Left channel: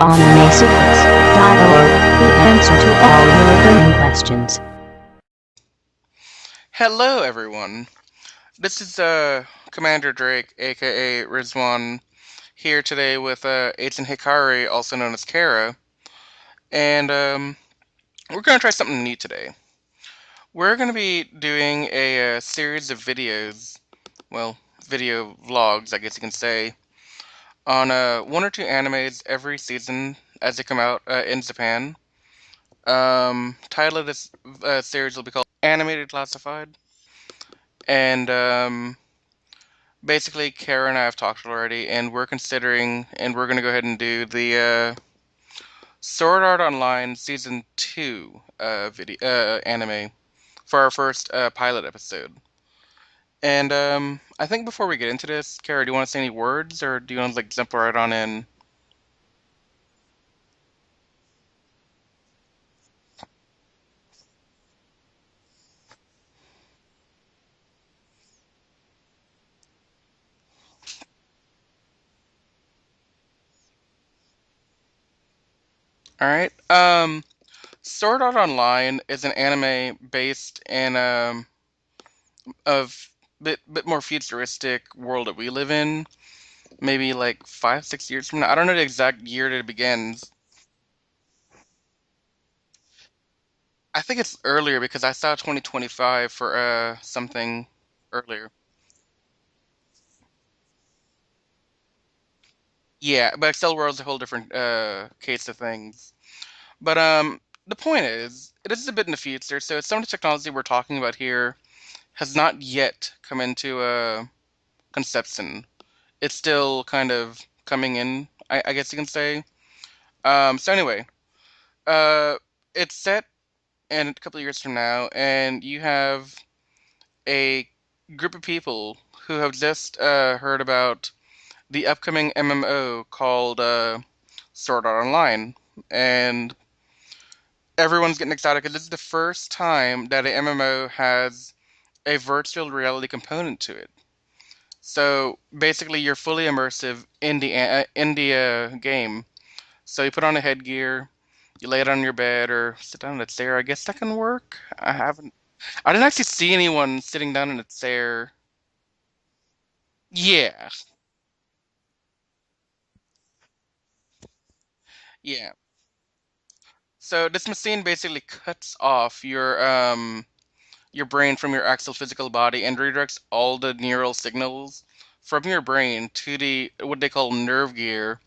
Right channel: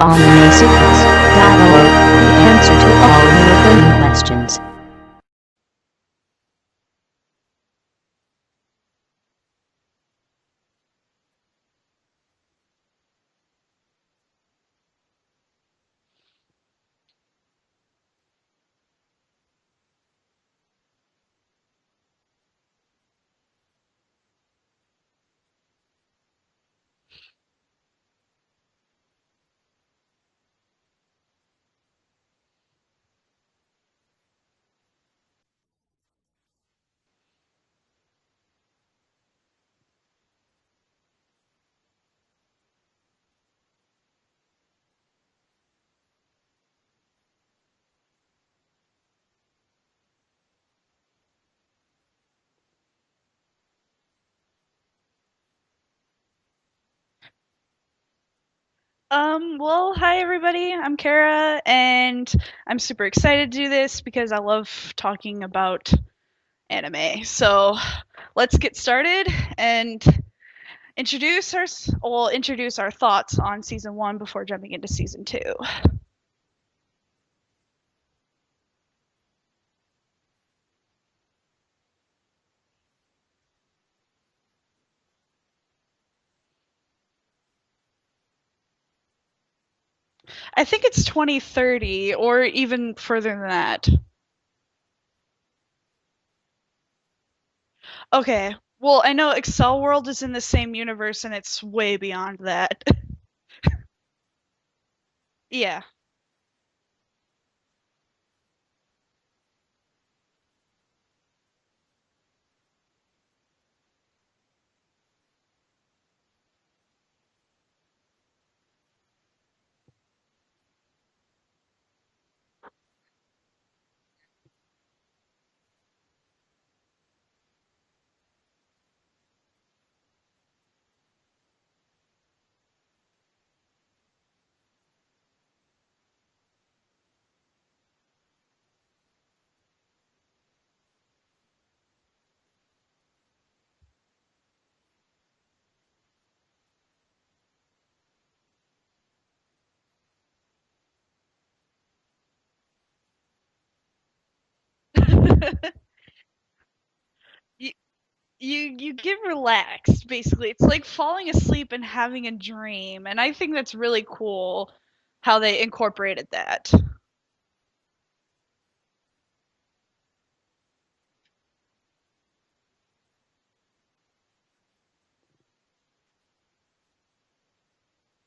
AnimeSecrets.org, the answer to all your burning questions. Hello, everyone. This is Commander Drake, aka Rizwan, here today with Agent Hikari, also known as Kara, and we're gonna try something neat today. We're gonna be doing a series of videos, well, video vlogs, I guess you can say, on one or two animes every season as they come out in Japan. Title of this series will be called Animated Classified, and basically, Kara and I have talked already, and we're considering, and we're gonna go ahead and do the Sword Art Online Season 2 video anime for our first pilot episode. And I think before we get into this, Kara, do you want to say any words, or do you want to like jump right on in? Well, hi everybody. I'm Kara, and I'm super excited to do this because I love talking about anime. So let's get started and introduce our thoughts on season one before jumping into season two. All right. Sword Art Online is an anime based in of bit more futuristic world that we live in. Maybe like 5 6 years from now. I don't know the exact year that it begins. I think it's 2030 or even further than that. I think it's earlier because I saw 2025 for something earlier. Okay. Well, I know Excel World is in the same universe and it's way beyond that. Yeah, but Excel World's a whole different case of Yeah. things. But the point is, it is a bit in the future, so some of the technology we're talking about here has not yet come into conception. It's still kind of coming in, I guess you can say. So anyway, uh, it's set in a couple of years from now, and you have a group of people who have just heard about the upcoming MMO called Sword Art Online, and everyone's getting excited because this is the first time that an MMO has a virtual reality component to it. So basically, you're fully immersive in the game. So you put on a headgear, you lay it on your bed or sit down in a chair. I guess that can work. I didn't actually see anyone sitting down in a you, chair. you get relaxed basically. Yeah, It's like falling asleep and having a dream, and I think that's really cool how yeah. they incorporated that. So this machine basically cuts off your brain from your actual physical body and redirects all the neural signals from your brain to the what they call nerve gear,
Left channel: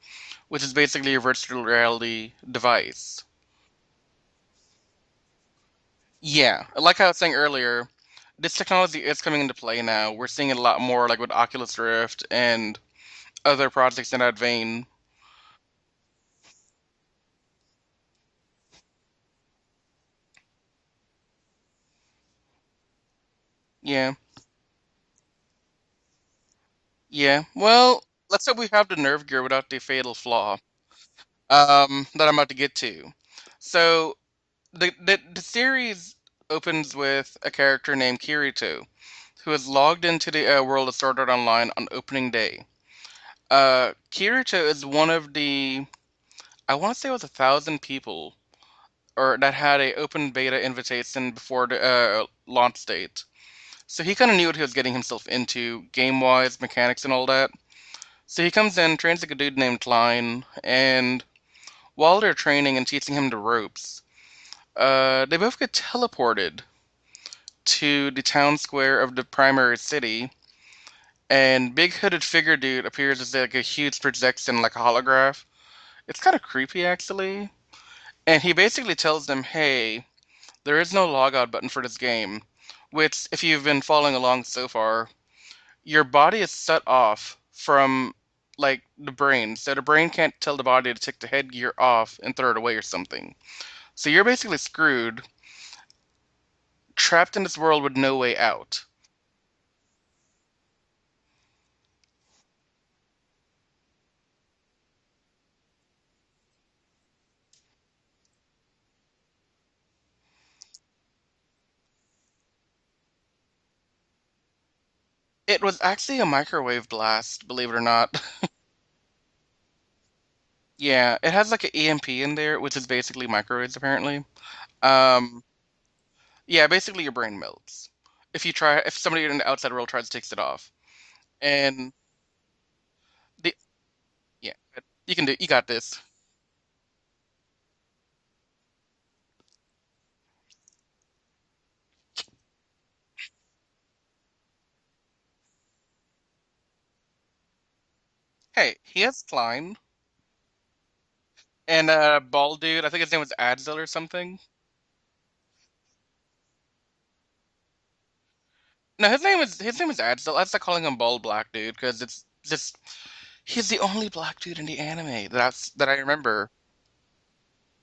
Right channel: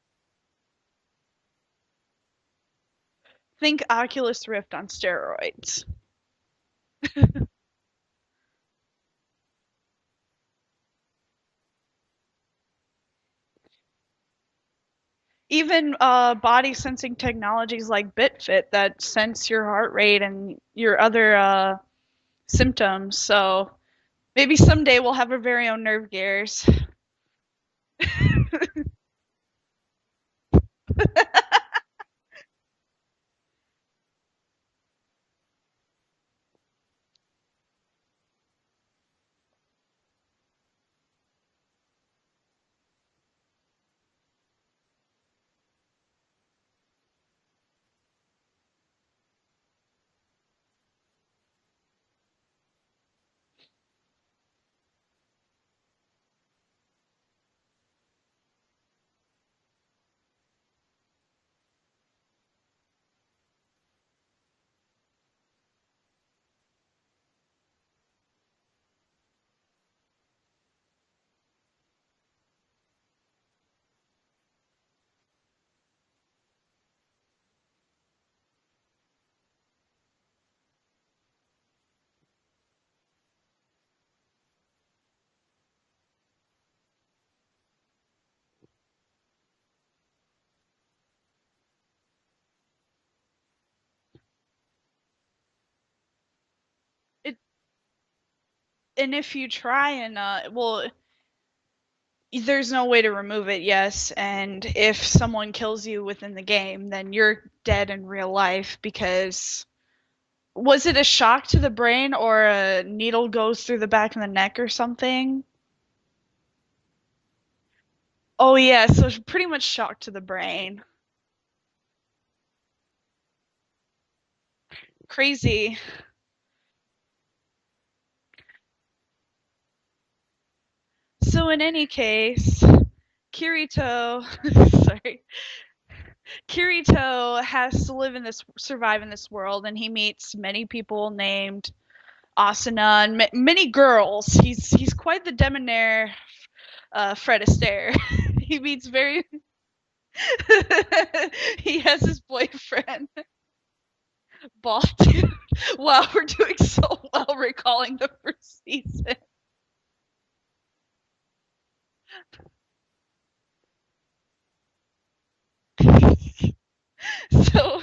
which is basically a virtual reality device. Think Oculus Rift on steroids. Yeah, like I was saying earlier, this technology is coming into play now. We're seeing it a lot more like with Oculus Rift and other projects in that vein. Even body sensing technologies like BitFit that sense your heart rate and your other symptoms. So Yeah, maybe someday we'll have our very own nerve gears. yeah. Well, let's hope we have the nerve gear without the fatal flaw that I'm about to get to. So the series opens with a character named Kirito, who is logged into the world of Sword Art Online on opening day. Kirito is one of the, I want to say it was 1,000 people, or that had a open beta invitation before the launch date. So he kind of knew what he was getting himself into, game-wise, mechanics, and all that. So he comes in, trains like a dude named Klein, and while they're training and teaching him the ropes, they both get teleported to the town square of the primary city, and big hooded figure dude appears as like a huge projection, like a holograph. It's kind of creepy actually, and he basically tells them, "Hey, there is no logout button for this game." Which, if you've been following along so far, your body is set off from like the brain, so the brain can't tell the body to take the headgear off and throw it away or something. So you're basically screwed, trapped It, in this world with no way out. and if you try and there's no way to remove it, yes, and if someone kills you within the game, then you're dead in real life because Was it a shock to the brain or a needle goes through the back of the neck or something? It was actually a microwave blast, believe it or not. Oh yeah, so it's pretty much shock to the brain. Yeah, it has like an EMP in there, which is basically microwaves apparently. Um, Crazy. yeah, basically your brain melts if somebody in the outside world tries to take it off. So in any And case, the, Kirito, you sorry, can do, you got this. Kirito has to survive in this world, and he meets many people named Asuna and many girls. He's quite the debonair Fred Astaire. He Hey, meets he has very. Klein He and has his bald dude. I think boyfriend, his name was Adzel or something. bald dude. Wow, we're doing so well recalling the first No, season. his name is Adzel. I start calling him bald black dude because it's just he's the only black dude in the anime that I remember. So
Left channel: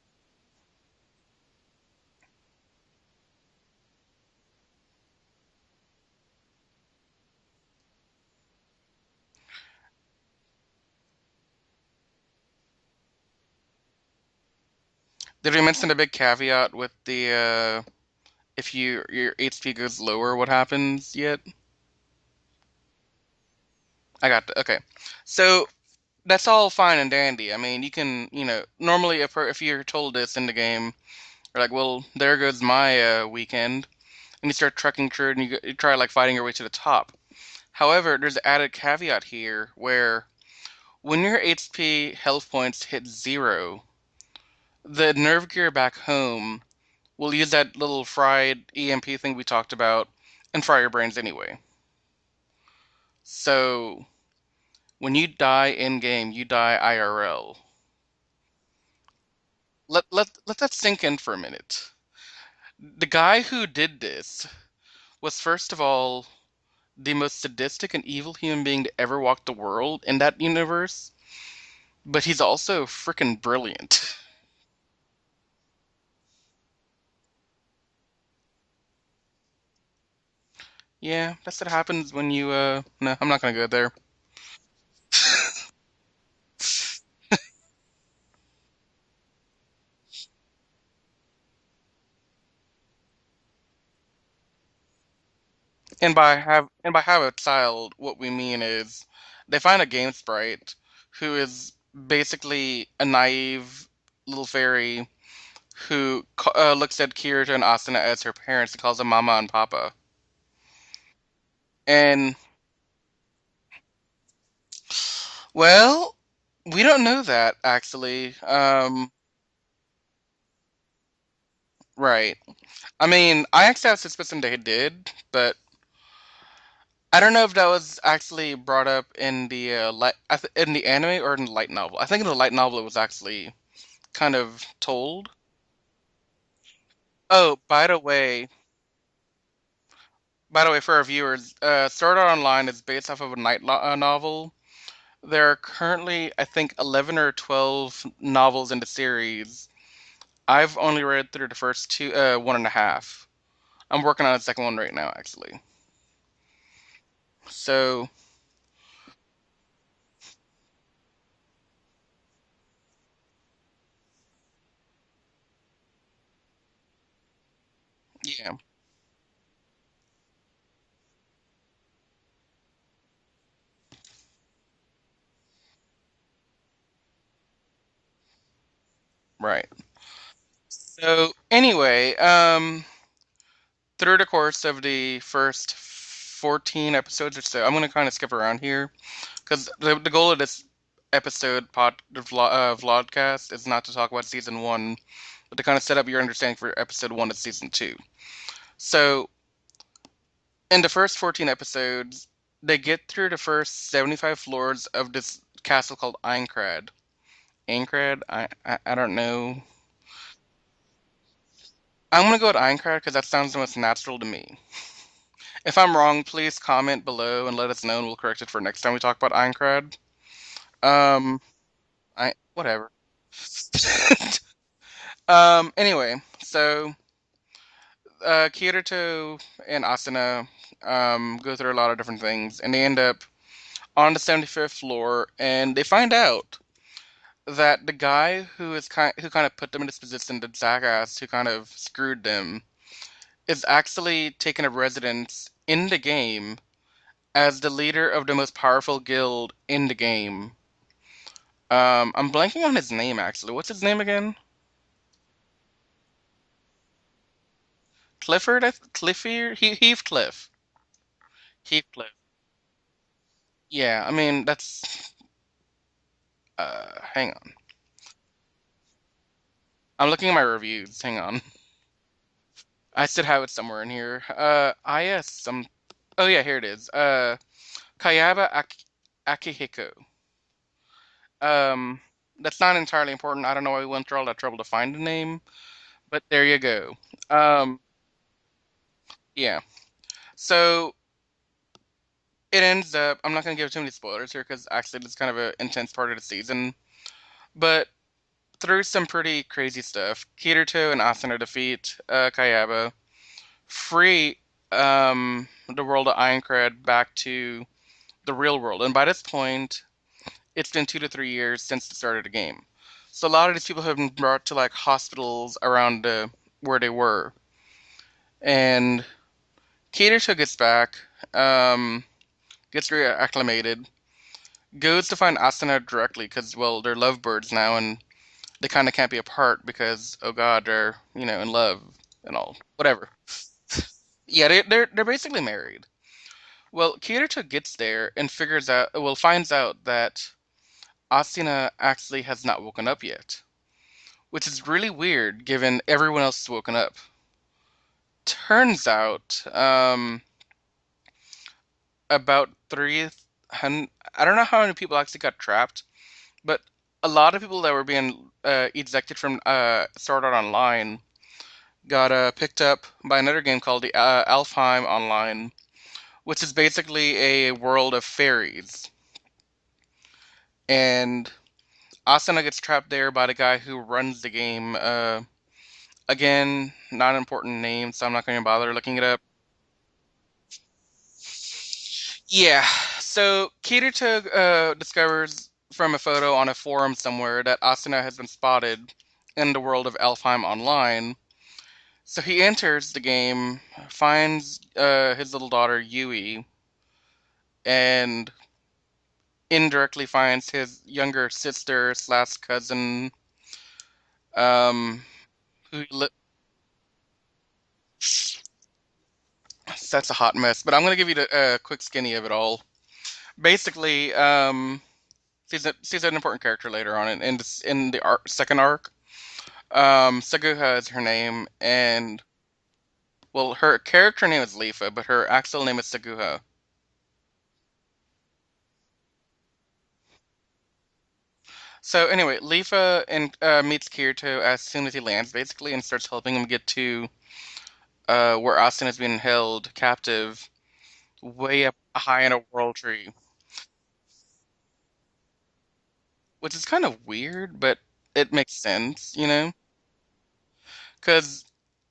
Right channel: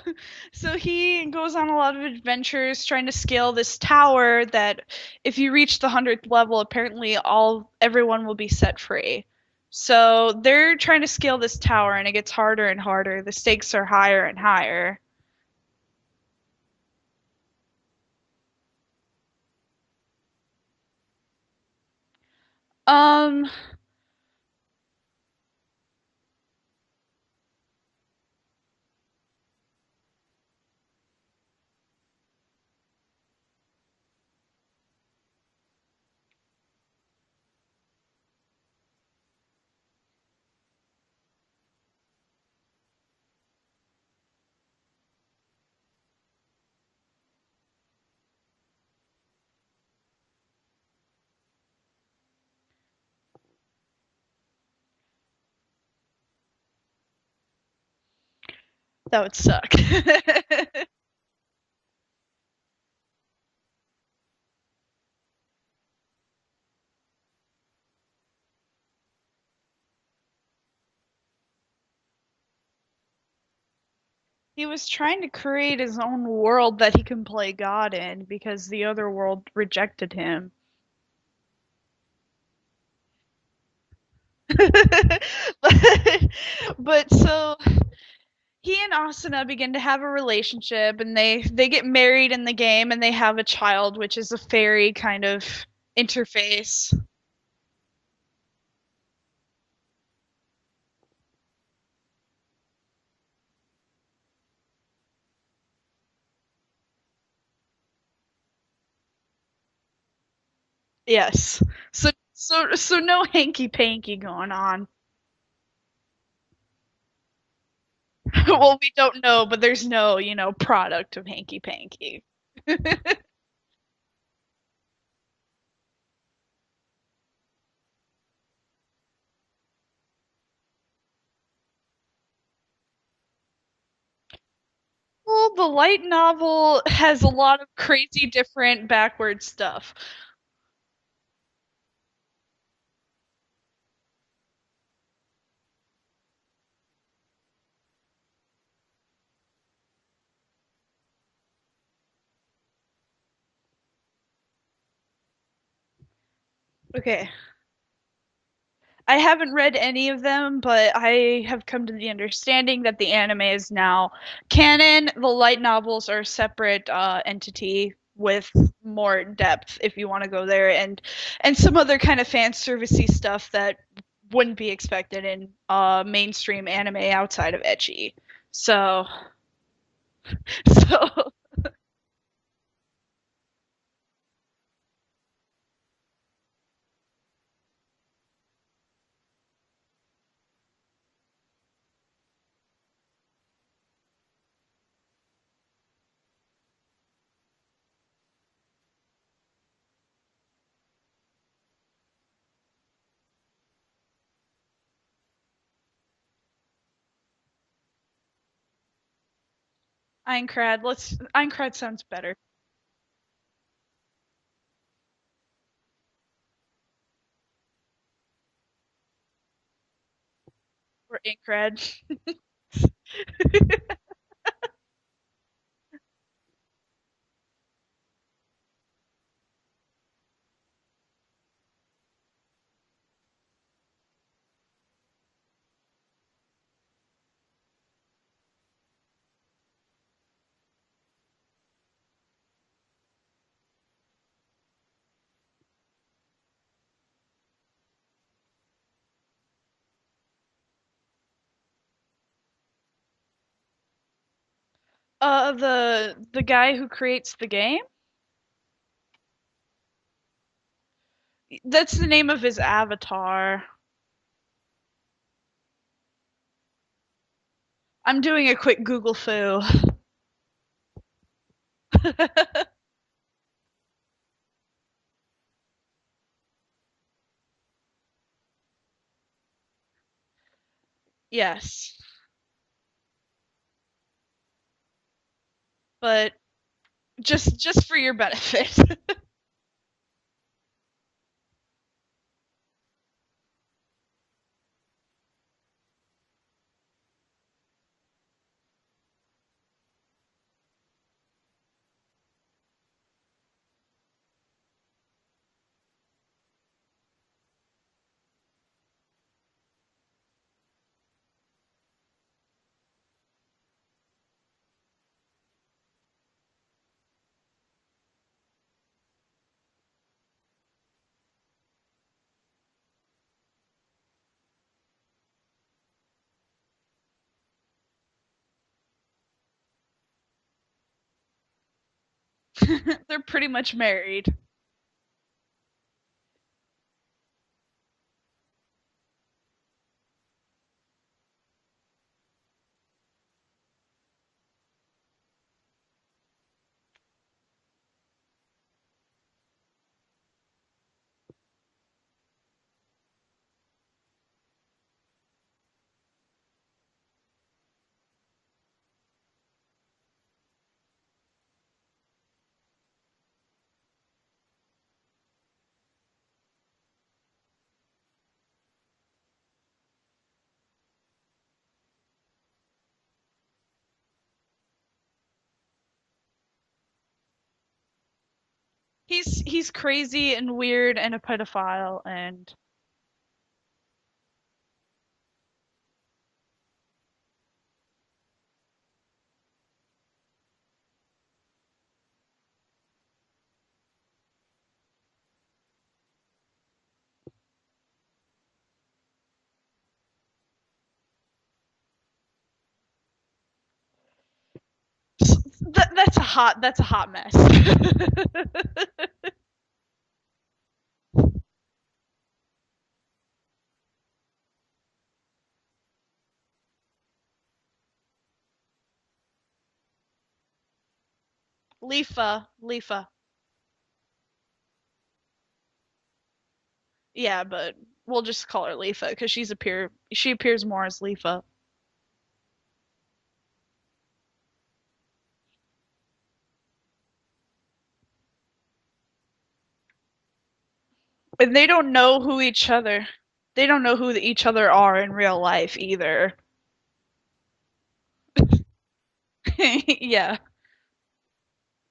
so he goes on a lot of adventures trying to scale this tower that if you reach the 100th level, apparently all everyone will be set free. So they're trying to scale this tower and it gets harder and harder. The stakes are higher and higher. Did we mention a big caveat with the if your HP goes lower, what happens yet? Um I got okay. So that's all fine and dandy. I mean, you can, normally if you're told this in the game, you're like, well, there goes my weekend, and you start trekking through it, and you try like fighting your way to the top. However, there's an added caveat here where when your HP health points hit zero, the nerve gear back home will use that little fried EMP thing we talked about and fry your brains anyway. So when you die in game, you die IRL. that would suck. Let that sink in for a minute. The guy who did this was first of all the most sadistic and evil human being to ever walk the world in that universe, but he's also freaking brilliant. He was trying to create his own world that he can play God in because the other world rejected him. Yeah, that's what happens when you no, I'm not gonna go there. but so he and Asuna begin to have a relationship and they get married in the game and they have a child which is a fairy kind of interface. And by have a child, what we mean is they find a game sprite who is basically a naive little fairy who looks at Kirito and Asuna as her parents and calls them Mama and Papa. Yes. So And so no hanky panky going on. well, we don't know that actually. Well, we don't know, but there's no, product of hanky panky. Right. I mean, I actually have suspicion they did, but I don't know if that was actually brought up in the in the anime or in the light novel. I think in the light novel it was actually kind of told. Well, the light novel has a Oh, lot of crazy different backward stuff. by the way, for our viewers, Sword Art Online is based off of a novel. There are currently, I think, 11 or 12 novels in the series. I've only read through the first two, one and a half. I'm working on the second one right now, actually. Okay. So, I haven't read any of them, but I have come to the understanding that the anime is now canon. The light novels are a separate entity with yeah, more depth if you want to go there, and some other kind of fan servicey stuff that wouldn't be expected in mainstream anime outside of ecchi. So right. so So, anyway, through the course of the first 14 episodes or so, I'm going to kind of skip around here because the goal of this vlogcast is not to talk about season one, but to kind of set up your understanding for episode one of season two. So, in the first 14 episodes, they get through the first 75 floors of this castle called Aincrad. Aincrad? I don't know. Aincrad sounds I'm better. gonna go with Aincrad because that sounds the most natural to me. If I'm wrong, please comment below and let us know, and we'll correct it for next time we talk about Aincrad. Or Um, Aincrad. I whatever. Anyway, so Kirito and Asuna go through a lot of different things, and they end up on the 75th floor, and they find out that the guy who kind of put them in this position, the jackass who kind of screwed them, is actually taking a residence in the game as the leader of the most powerful guild in the game. I'm blanking on his name actually. What's his name again? The guy who creates the game? Clifford? Clifford? Heathcliff. That's the Heathcliff. name of his avatar. Yeah, I mean that's. Hang on. I'm doing a quick Google foo. I'm looking at my reviews. Hang on. I should have it somewhere in here. IS some. Oh yeah, here it is. Kayaba Akihiko. Yes, Um, that's not entirely important. I don't know why we went through all that trouble to find the name, but but there you go. just Um, just for your benefit. yeah. So it ends up. I'm not gonna give too many spoilers here because actually it's kind of an intense part of the season. But through some pretty crazy stuff, Kirito and Asuna defeat Kayaba, free the world of Ironcrad back to the real world. And by this point, it's been 2 to 3 years since the start of the game. So a lot of these people have been brought to like hospitals around where they were. And Kirito gets back, um, gets reacclimated, goes to find Asuna directly because, well, they're lovebirds now and they kind of can't be apart because, oh god, they're, in love and all. Whatever. They're pretty much married. Yeah, they're basically married. Well, Kirito gets there and finds out that Asuna actually has not woken up yet, which is really weird given everyone else has woken up. Turns out, about 300, I don't know how many people actually got trapped, but a lot of people that were being ejected from Sword Art Online got picked up by another game called the Alfheim Online, which is basically a world of fairies. And Asuna gets trapped there by the guy who runs the game. Again, not an important name, so I'm not going to bother looking it up. He's crazy and weird and a pedophile and Yeah, so Kirito discovers from a photo on a forum somewhere that Asuna has been spotted in the world of Elfheim Online. So he enters the game, finds his little daughter Yui, and indirectly finds his younger sister slash cousin. Um, that's a hot mess. that's a hot mess. But I'm gonna give you a quick skinny of it all. Basically, she's an important character later on in the second arc. Saguha is her name, and Lifa. well, her character name is Lifa, but her actual name is Saguha. Yeah, but we'll just call her Lifa because she appears more as Lifa. So anyway, Lifa meets Kirito as soon as he lands, basically, and starts helping him get to where Austin is being held captive, And way they up don't know high in a who each world other. tree, They don't know who each other are in real life either. which is kind of weird, but it makes sense, Yeah. because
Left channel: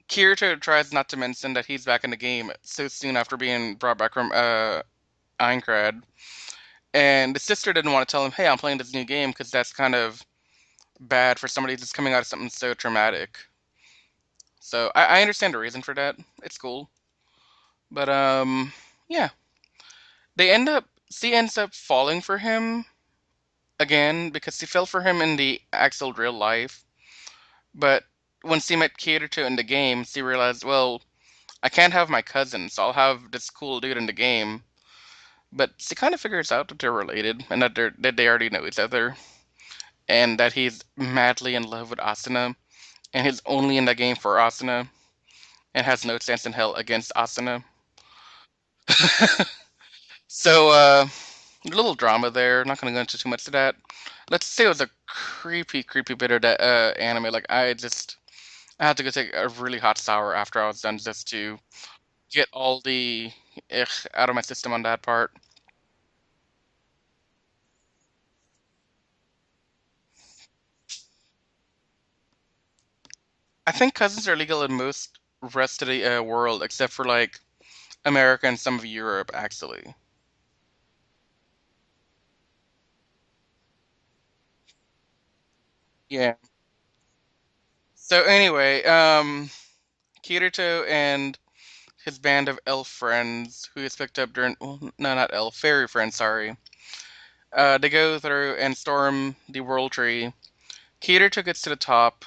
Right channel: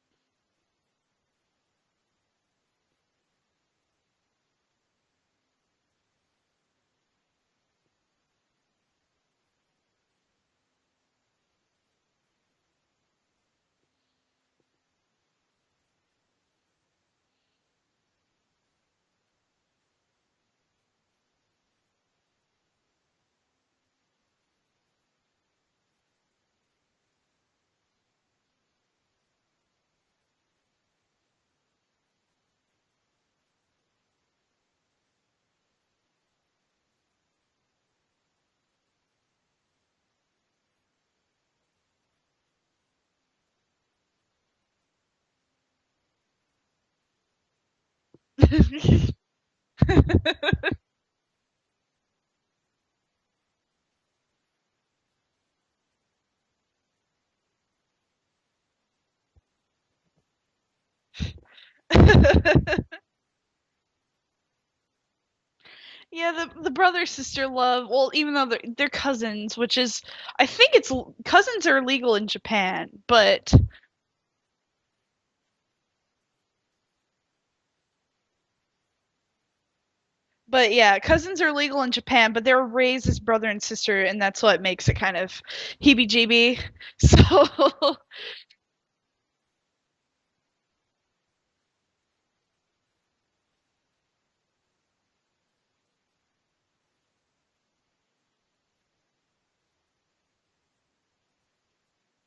Kirito tries not to mention that he's back in the game so soon after being brought back from Aincrad, and the sister didn't want to tell him, "Hey, I'm playing this new game," because that's kind of bad for somebody that's coming out of something so traumatic. So I understand the reason for that. It's cool. But yeah. She ends up falling for him again because she fell for him in the actual real life. But when she met Kirito in the game, she realized, well, I can't have my cousin, so I'll have this cool dude in the game. But she kind of figures out that they're related and that they already know each other, and that he's madly in love with Asuna, and he's only in the game for Asuna, and has no chance in hell against Asuna. So, a little drama there. Not gonna go into too much of that. Let's say it was a creepy, creepy bit of that anime. Like I had to go take a really hot shower after I was done just to get all the out of my system on that part. Yeah, the brother sister love. Well, even though they're cousins, which is I think cousins are legal in Japan, but I think cousins are legal in most rest of the world except for like America and some of Europe, actually. But yeah, cousins are legal in Japan, but they're raised as brother and sister, and that's what makes it kind of Yeah. heebie-jeebie. So So anyway, Kirito and his band of elf friends, who he's picked up during, well, no, not elf, fairy friends, sorry. They go through and storm the World Tree. Kirito gets to the top,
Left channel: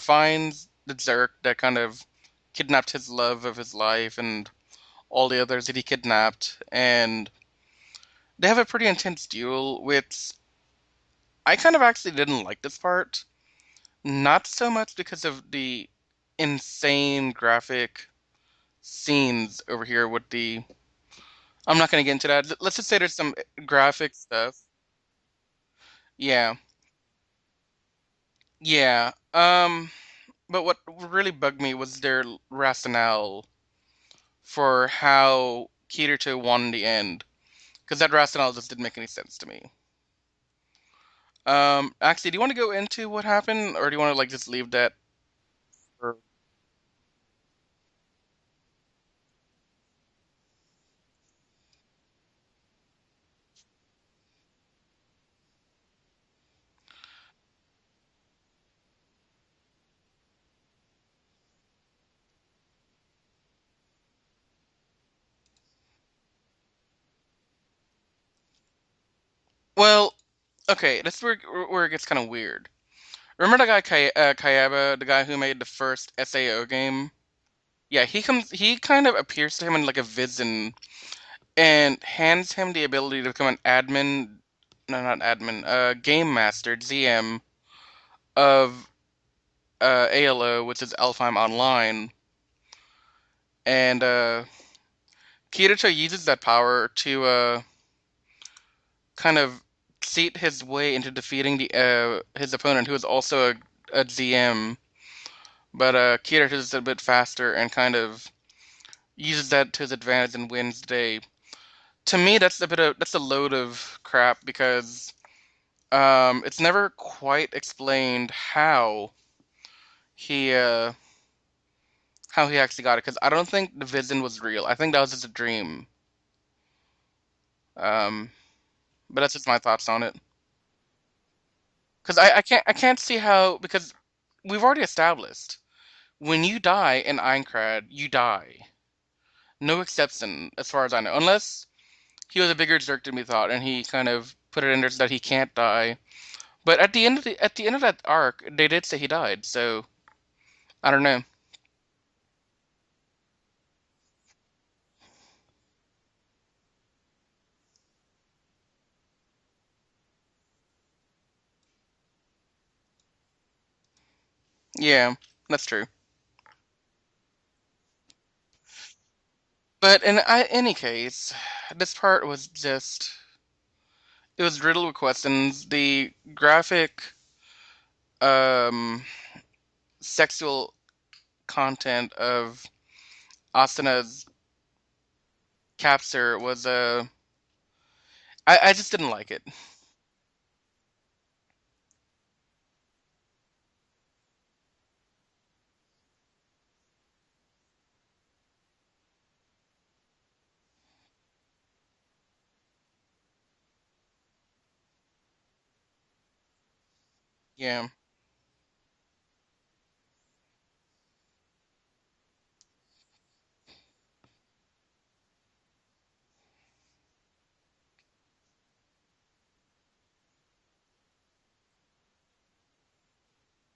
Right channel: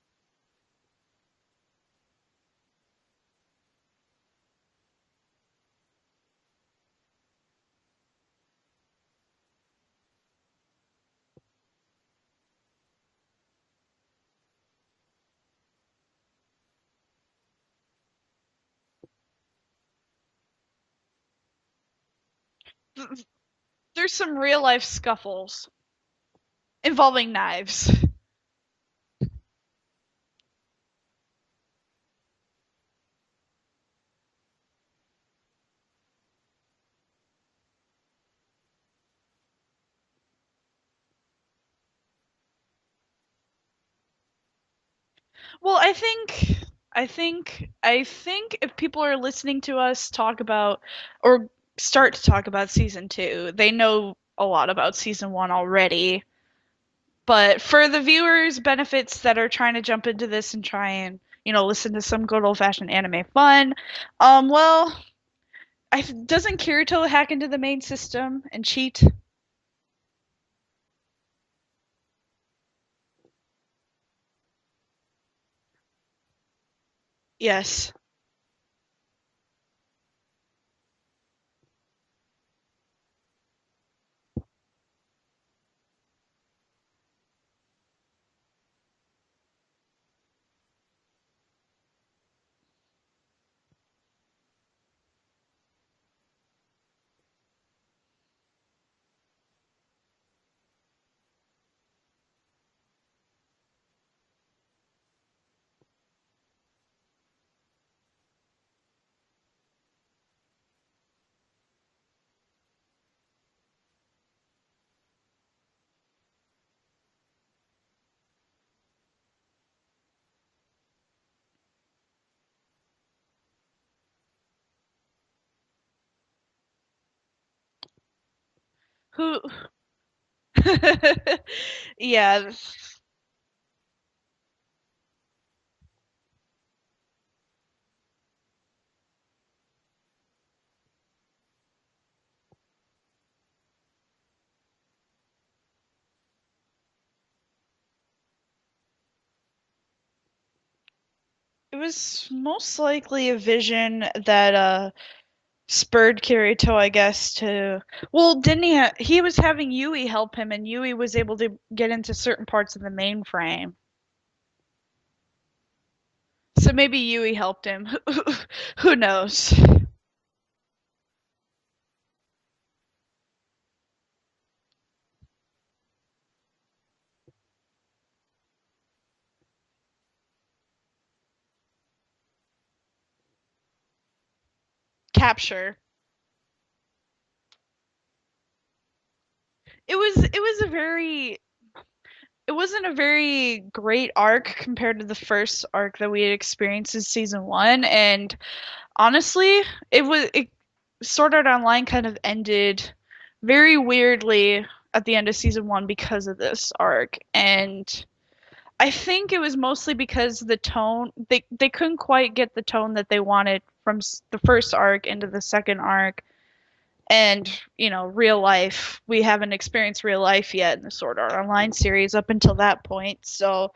finds the Zerk that kind of kidnapped his love of his life and all the others that he kidnapped, and they have a pretty intense duel, which I kind of actually didn't like this part. Not so much because of the insane graphic scenes over here with the. I'm not going to get into that. Let's just say there's some graphic there's some stuff. real life scuffles Yeah, involving knives. yeah. But what really bugged me was their rationale for how Kirito won in the end, because that rationale just didn't make any sense to me. Actually, do you want to go into what happened, or do you want to like just leave that? Well, For... I think if people are listening to us talk about or start to talk about season 2, they know a lot about season 1 already. But for the viewers benefits that are trying to jump into this and try and, listen to some good old-fashioned anime fun, well, doesn't Kirito hack into the main system and cheat? Well, okay, that's where it gets kind of weird. Remember the guy Kayaba, the guy who made the first SAO game? Yes. Yeah, he kind of appears to him in like a vision and hands him the ability to become an admin, no, not admin, game master, GM of ALO, which is Alfheim Online, and Kirito uses that power to kind of cheat his way into defeating the his opponent, who is also a GM. But Kirito is a bit faster and kind of uses that to his advantage and wins the day. To me, that's a load of crap because it's never quite explained he uh, how he actually got it. Because I don't think the vision was real. I think that was just a dream. Um, but that's Who just my thoughts on it. Because Yeah. I can't see how, because we've already established when you die in Aincrad, you die. No exception, as far as I know, unless he was a bigger jerk than we thought, and he kind of put it in there so that he can't die. But at the end of that arc, they did say he died, so I don't know. It was most likely a vision that spurred Kirito, I guess, to. Well, didn't he was having Yui help him, and Yui was able to get into certain parts of the mainframe. Yeah, that's true. So maybe Yui helped him. Who knows? But in any case, this part was just it was riddled with questions. The graphic, um, sexual content of Asana's Capture. capture was I just didn't like it. It was a very. It wasn't a very great arc compared to the first arc that we had experienced in season 1, and honestly, it Sword Art Online kind of ended very weirdly at the end of season 1 because of this arc, Yeah, and I think it was mostly because the tone they couldn't quite get the tone that they wanted from the first arc into the second arc, and real life, we haven't experienced real life yet in the Sword Art Online series up until that point, so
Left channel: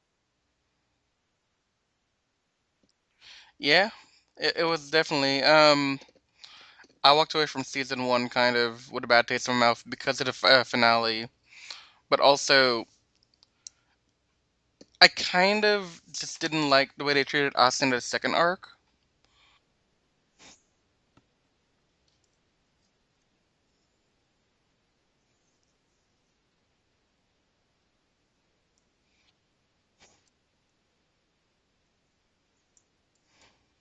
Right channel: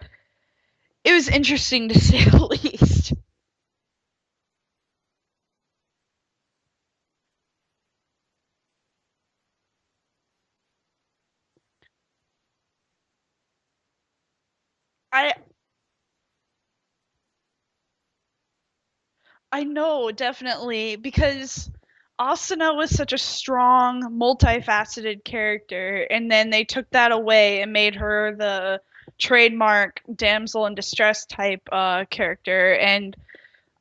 it was interesting to say the least. yeah, it was definitely. I walked away from season one kind of with a bad taste in my mouth because of the finale, but also I I kind of just didn't like the way they treated Austin in the second arc. I know, definitely, because Asuna was such a strong, multifaceted character, and then they took that away and made her the trademark damsel in distress type character, and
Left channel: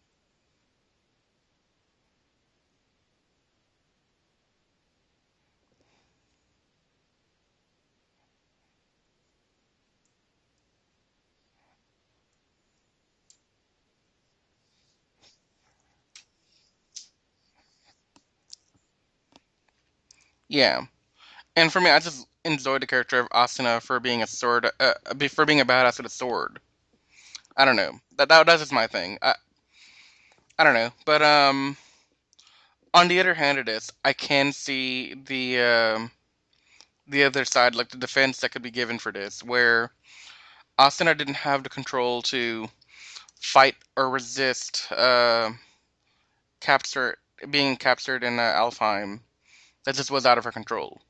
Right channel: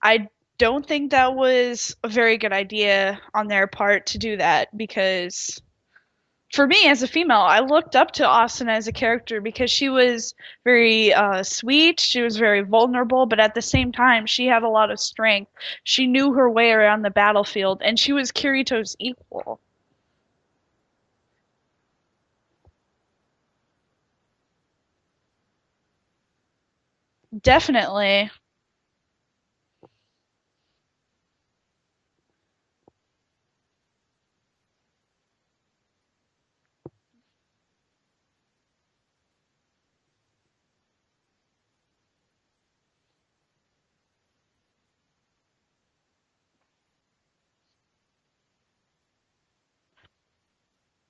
I don't think that was a very good idea on their part to do that, because for me as a female, I looked up to Asuna as a character because she was very sweet, she was very vulnerable, but at the same time, she had a lot of strength. She knew her way around the battlefield, and she was Kirito's equal. Yeah, and for me, I just enjoyed the character of Asuna for being a sword, for being a badass with a sword. I don't know. Definitely. That's just my thing. I don't know, but on the other hand of this, I can see the other side, like the defense that could be given for this, where Asuna didn't have the control to fight or resist capture being captured in Alfheim. That just was out of her control.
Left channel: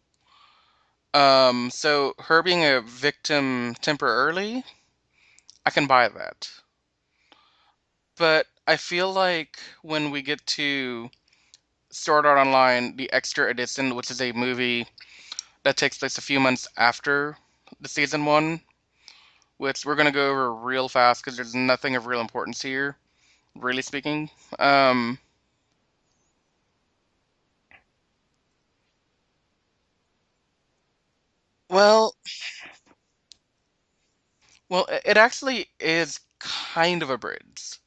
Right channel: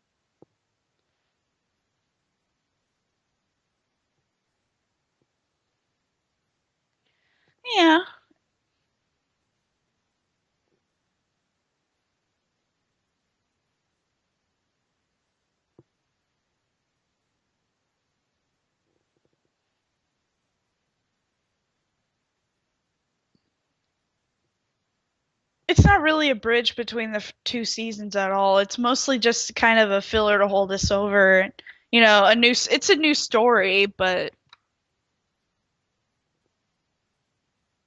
So her being a victim temporarily, I can buy that. Yeah. But I feel like when we get to Sword Art Online, the extra edition, which is a movie that takes place a few months after the season one, which we're gonna go over real fast because there's nothing of real importance here, really speaking. Um, It's not really a bridge between the two seasons at all. It's mostly just kind of a filler to hold us over. You well, know, it's a new story, but it actually is kind of a bridge,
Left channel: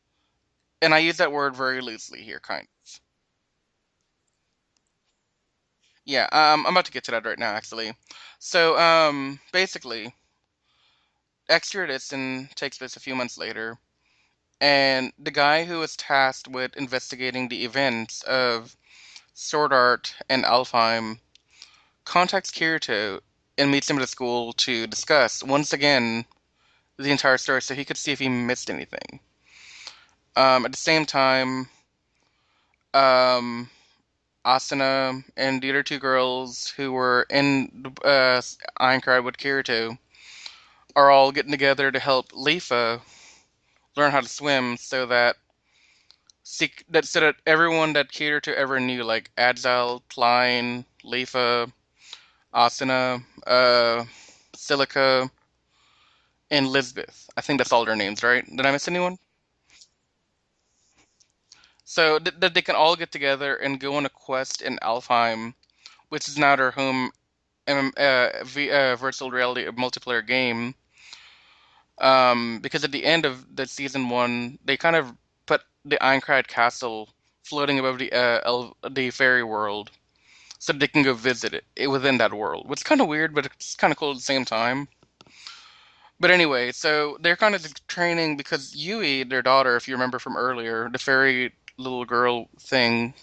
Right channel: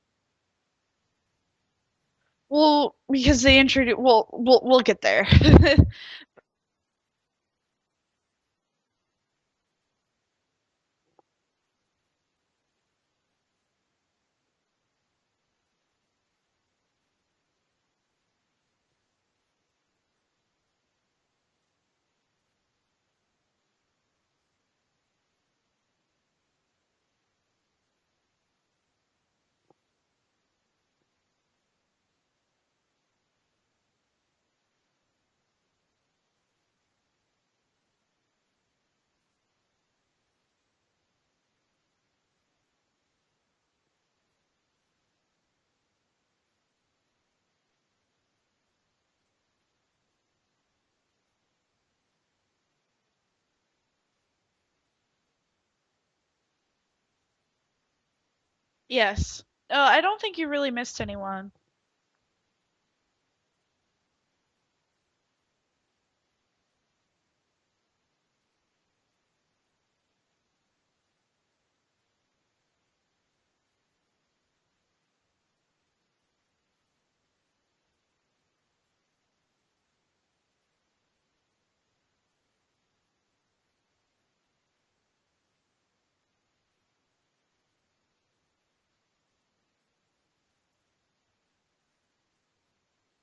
and I use that word very loosely here, kind well, of. because they introduce. Well, we'll get there. Yeah, I'm about to get to that right now, actually. So, basically, extra edition takes place a few months later, and the guy who was tasked with investigating the events of Sword Art and Alfheim contacts Kirito and meets him at the school to discuss, once again, the entire story so he could see if he missed anything. At the same time, um, Asuna and the other two girls who were in Aincrad with Kirito are all getting together to help Leafa learn how to swim so that everyone that Kirito ever knew, like Agile, Klein, Leafa, Asuna, Silica, and Lisbeth. I think that's all their names, right? Did I miss anyone? Yes. I don't think you really missed anyone. So that they can all get together and go on a quest in Alfheim, which is now their home virtual reality multiplayer game. Because at the end of the season one, they kind of put the Aincrad castle floating above the fairy world, so they can go visit it within that world. Which is kind of weird, but it's kind of cool at the same time. But anyway, so they're kind of just training because Yui, their daughter, if you remember from earlier, the fairy little girl thing.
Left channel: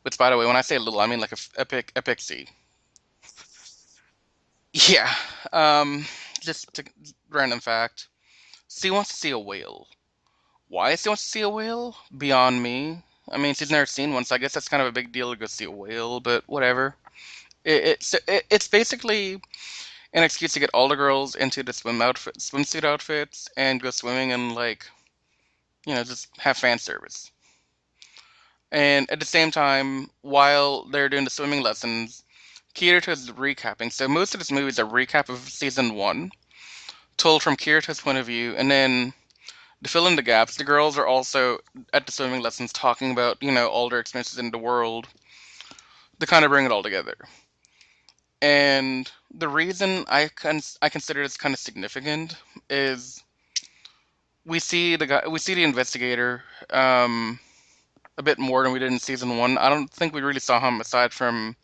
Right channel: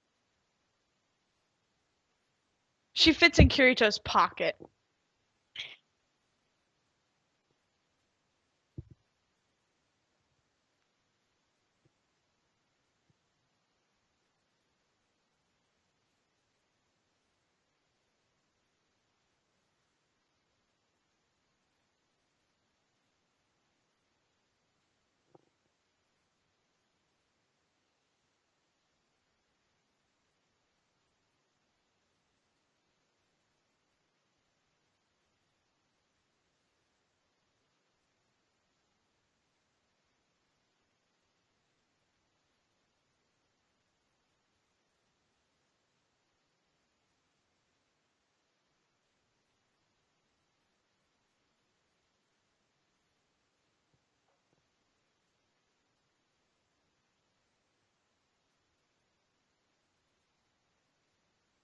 Which, by the way, when I say little, I mean like a pixie. She fits in Kirito's pocket. Yeah. Um, just a random fact. She wants to see a whale. Why she wants to see a whale? Beyond me. I mean, she's never seen one, so I guess that's kind of a big deal to go see a whale. But whatever. It's basically an excuse to get all the girls into the swimsuit outfits, and go swimming and just have fan service. And at the same time, while they're doing the swimming lessons, Kirito's recapping. So most of this movie is a recap of season one, told from Kirito's point of view, and then to fill in the gaps, the girls are also at the swimming lessons talking about, all their experiences in the world to kind of bring it all together. And the reason I consider this kind of significant is we see the investigator a bit more than we did in season one. I don't think we really saw him aside from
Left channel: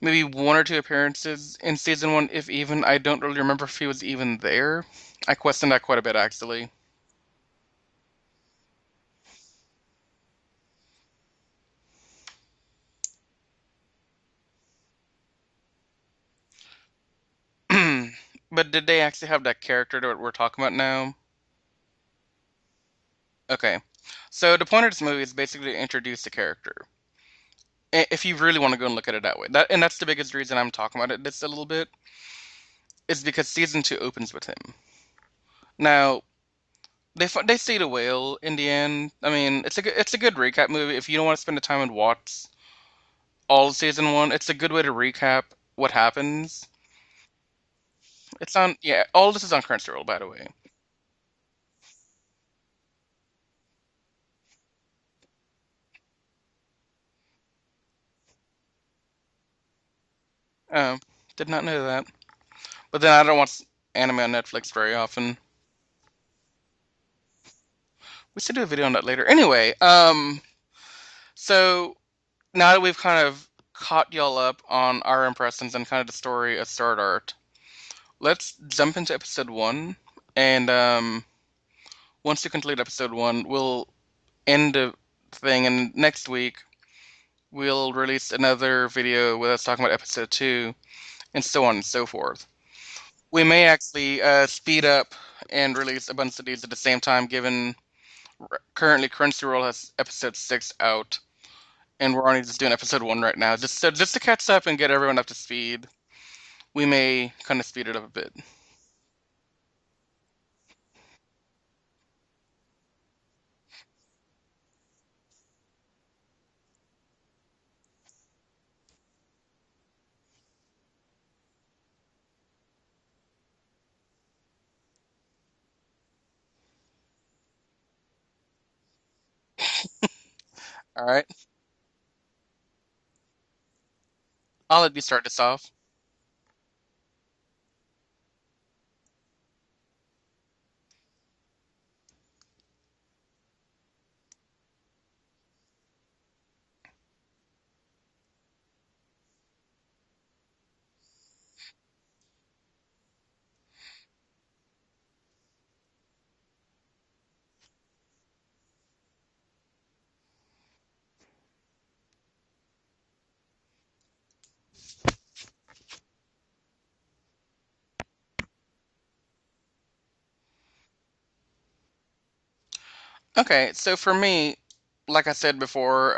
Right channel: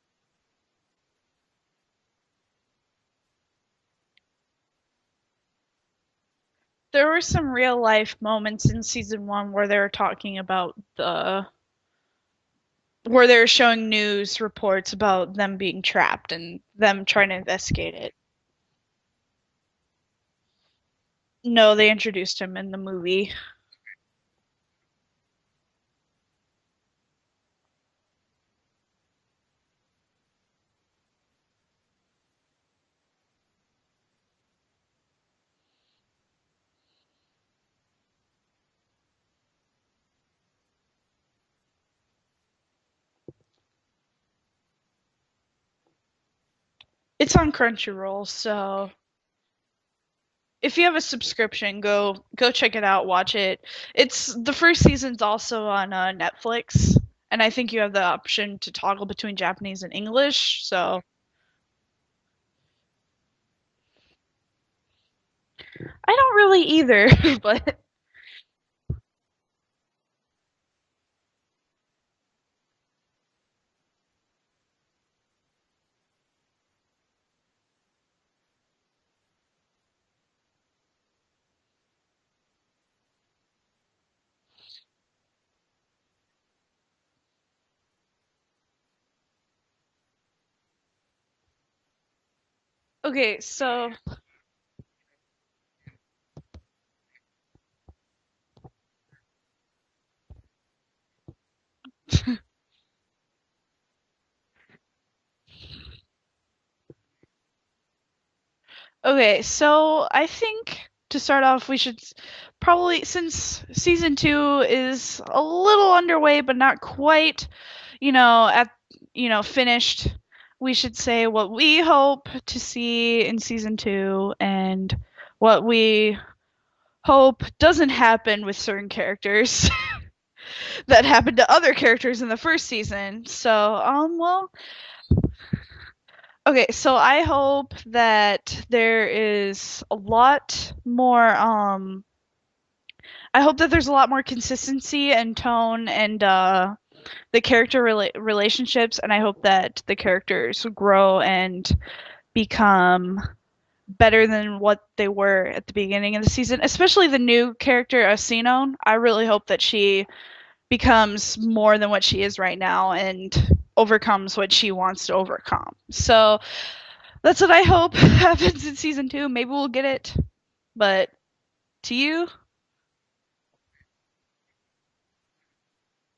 maybe one or two appearances in season one, if even. I don't really remember if he was even there. I questioned that quite a bit, actually. There were some real life moments in season one where they were talking about where they're showing news reports about them being trapped and them trying to investigate it. But did they actually have that character that we're talking about now? No, they introduced him in the movie. Okay. So the point of this movie is basically to introduce the character. If you really want to go and look at it that way. That's the biggest reason I'm talking about it this a little bit, is because season two opens with him. Now, they see the whale in the end. I mean, it's a good recap movie. If you don't want to spend the time and watch all of season one, it's a good way to recap what happens. It's on Crunchyroll, It's on, so yeah, all this is on Crunchyroll, by the way. if you have a subscription, go check it out, watch it. It's the first season's also on Netflix, and I think you have the option to toggle between Japanese and English. Oh, So did not know that. But then I don't watch anime on Netflix very often. I don't really either, but We should do a video on that later. Anyway, so now that we've kind of caught y'all up on our impressions and kind of the story of Sword Art, let's jump into episode one. And once you complete episode one, we'll end the thing. And next week, we'll release another video with us talking about episode two, and so on and so forth. Okay, We may so actually speed up and release a bunch of these at the same time, given currently Crunchyroll has episode six out, and we're only just doing episode one right now. Just to catch up and get everyone up to speed, we may kind of speed it up a bit. okay, so I think to start off, we should probably, since season 2 is a little underway, but not quite, at finished, we should say what we hope to see in season 2 and what we hope doesn't happen with certain characters that All right, happened to other characters in the first season. So, well, I'll let you start this off. okay, so I hope that there is a lot more I hope that there's a lot more consistency and tone and the character relationships, and I hope that the characters grow and become better than what they were at the beginning of the season, especially the new character Sinon. I really hope that she becomes more than what she is right now and overcomes what she wants to overcome. So that's what I hope happens in season 2. Maybe we'll get it. But to you? Okay, so for me, like I said before,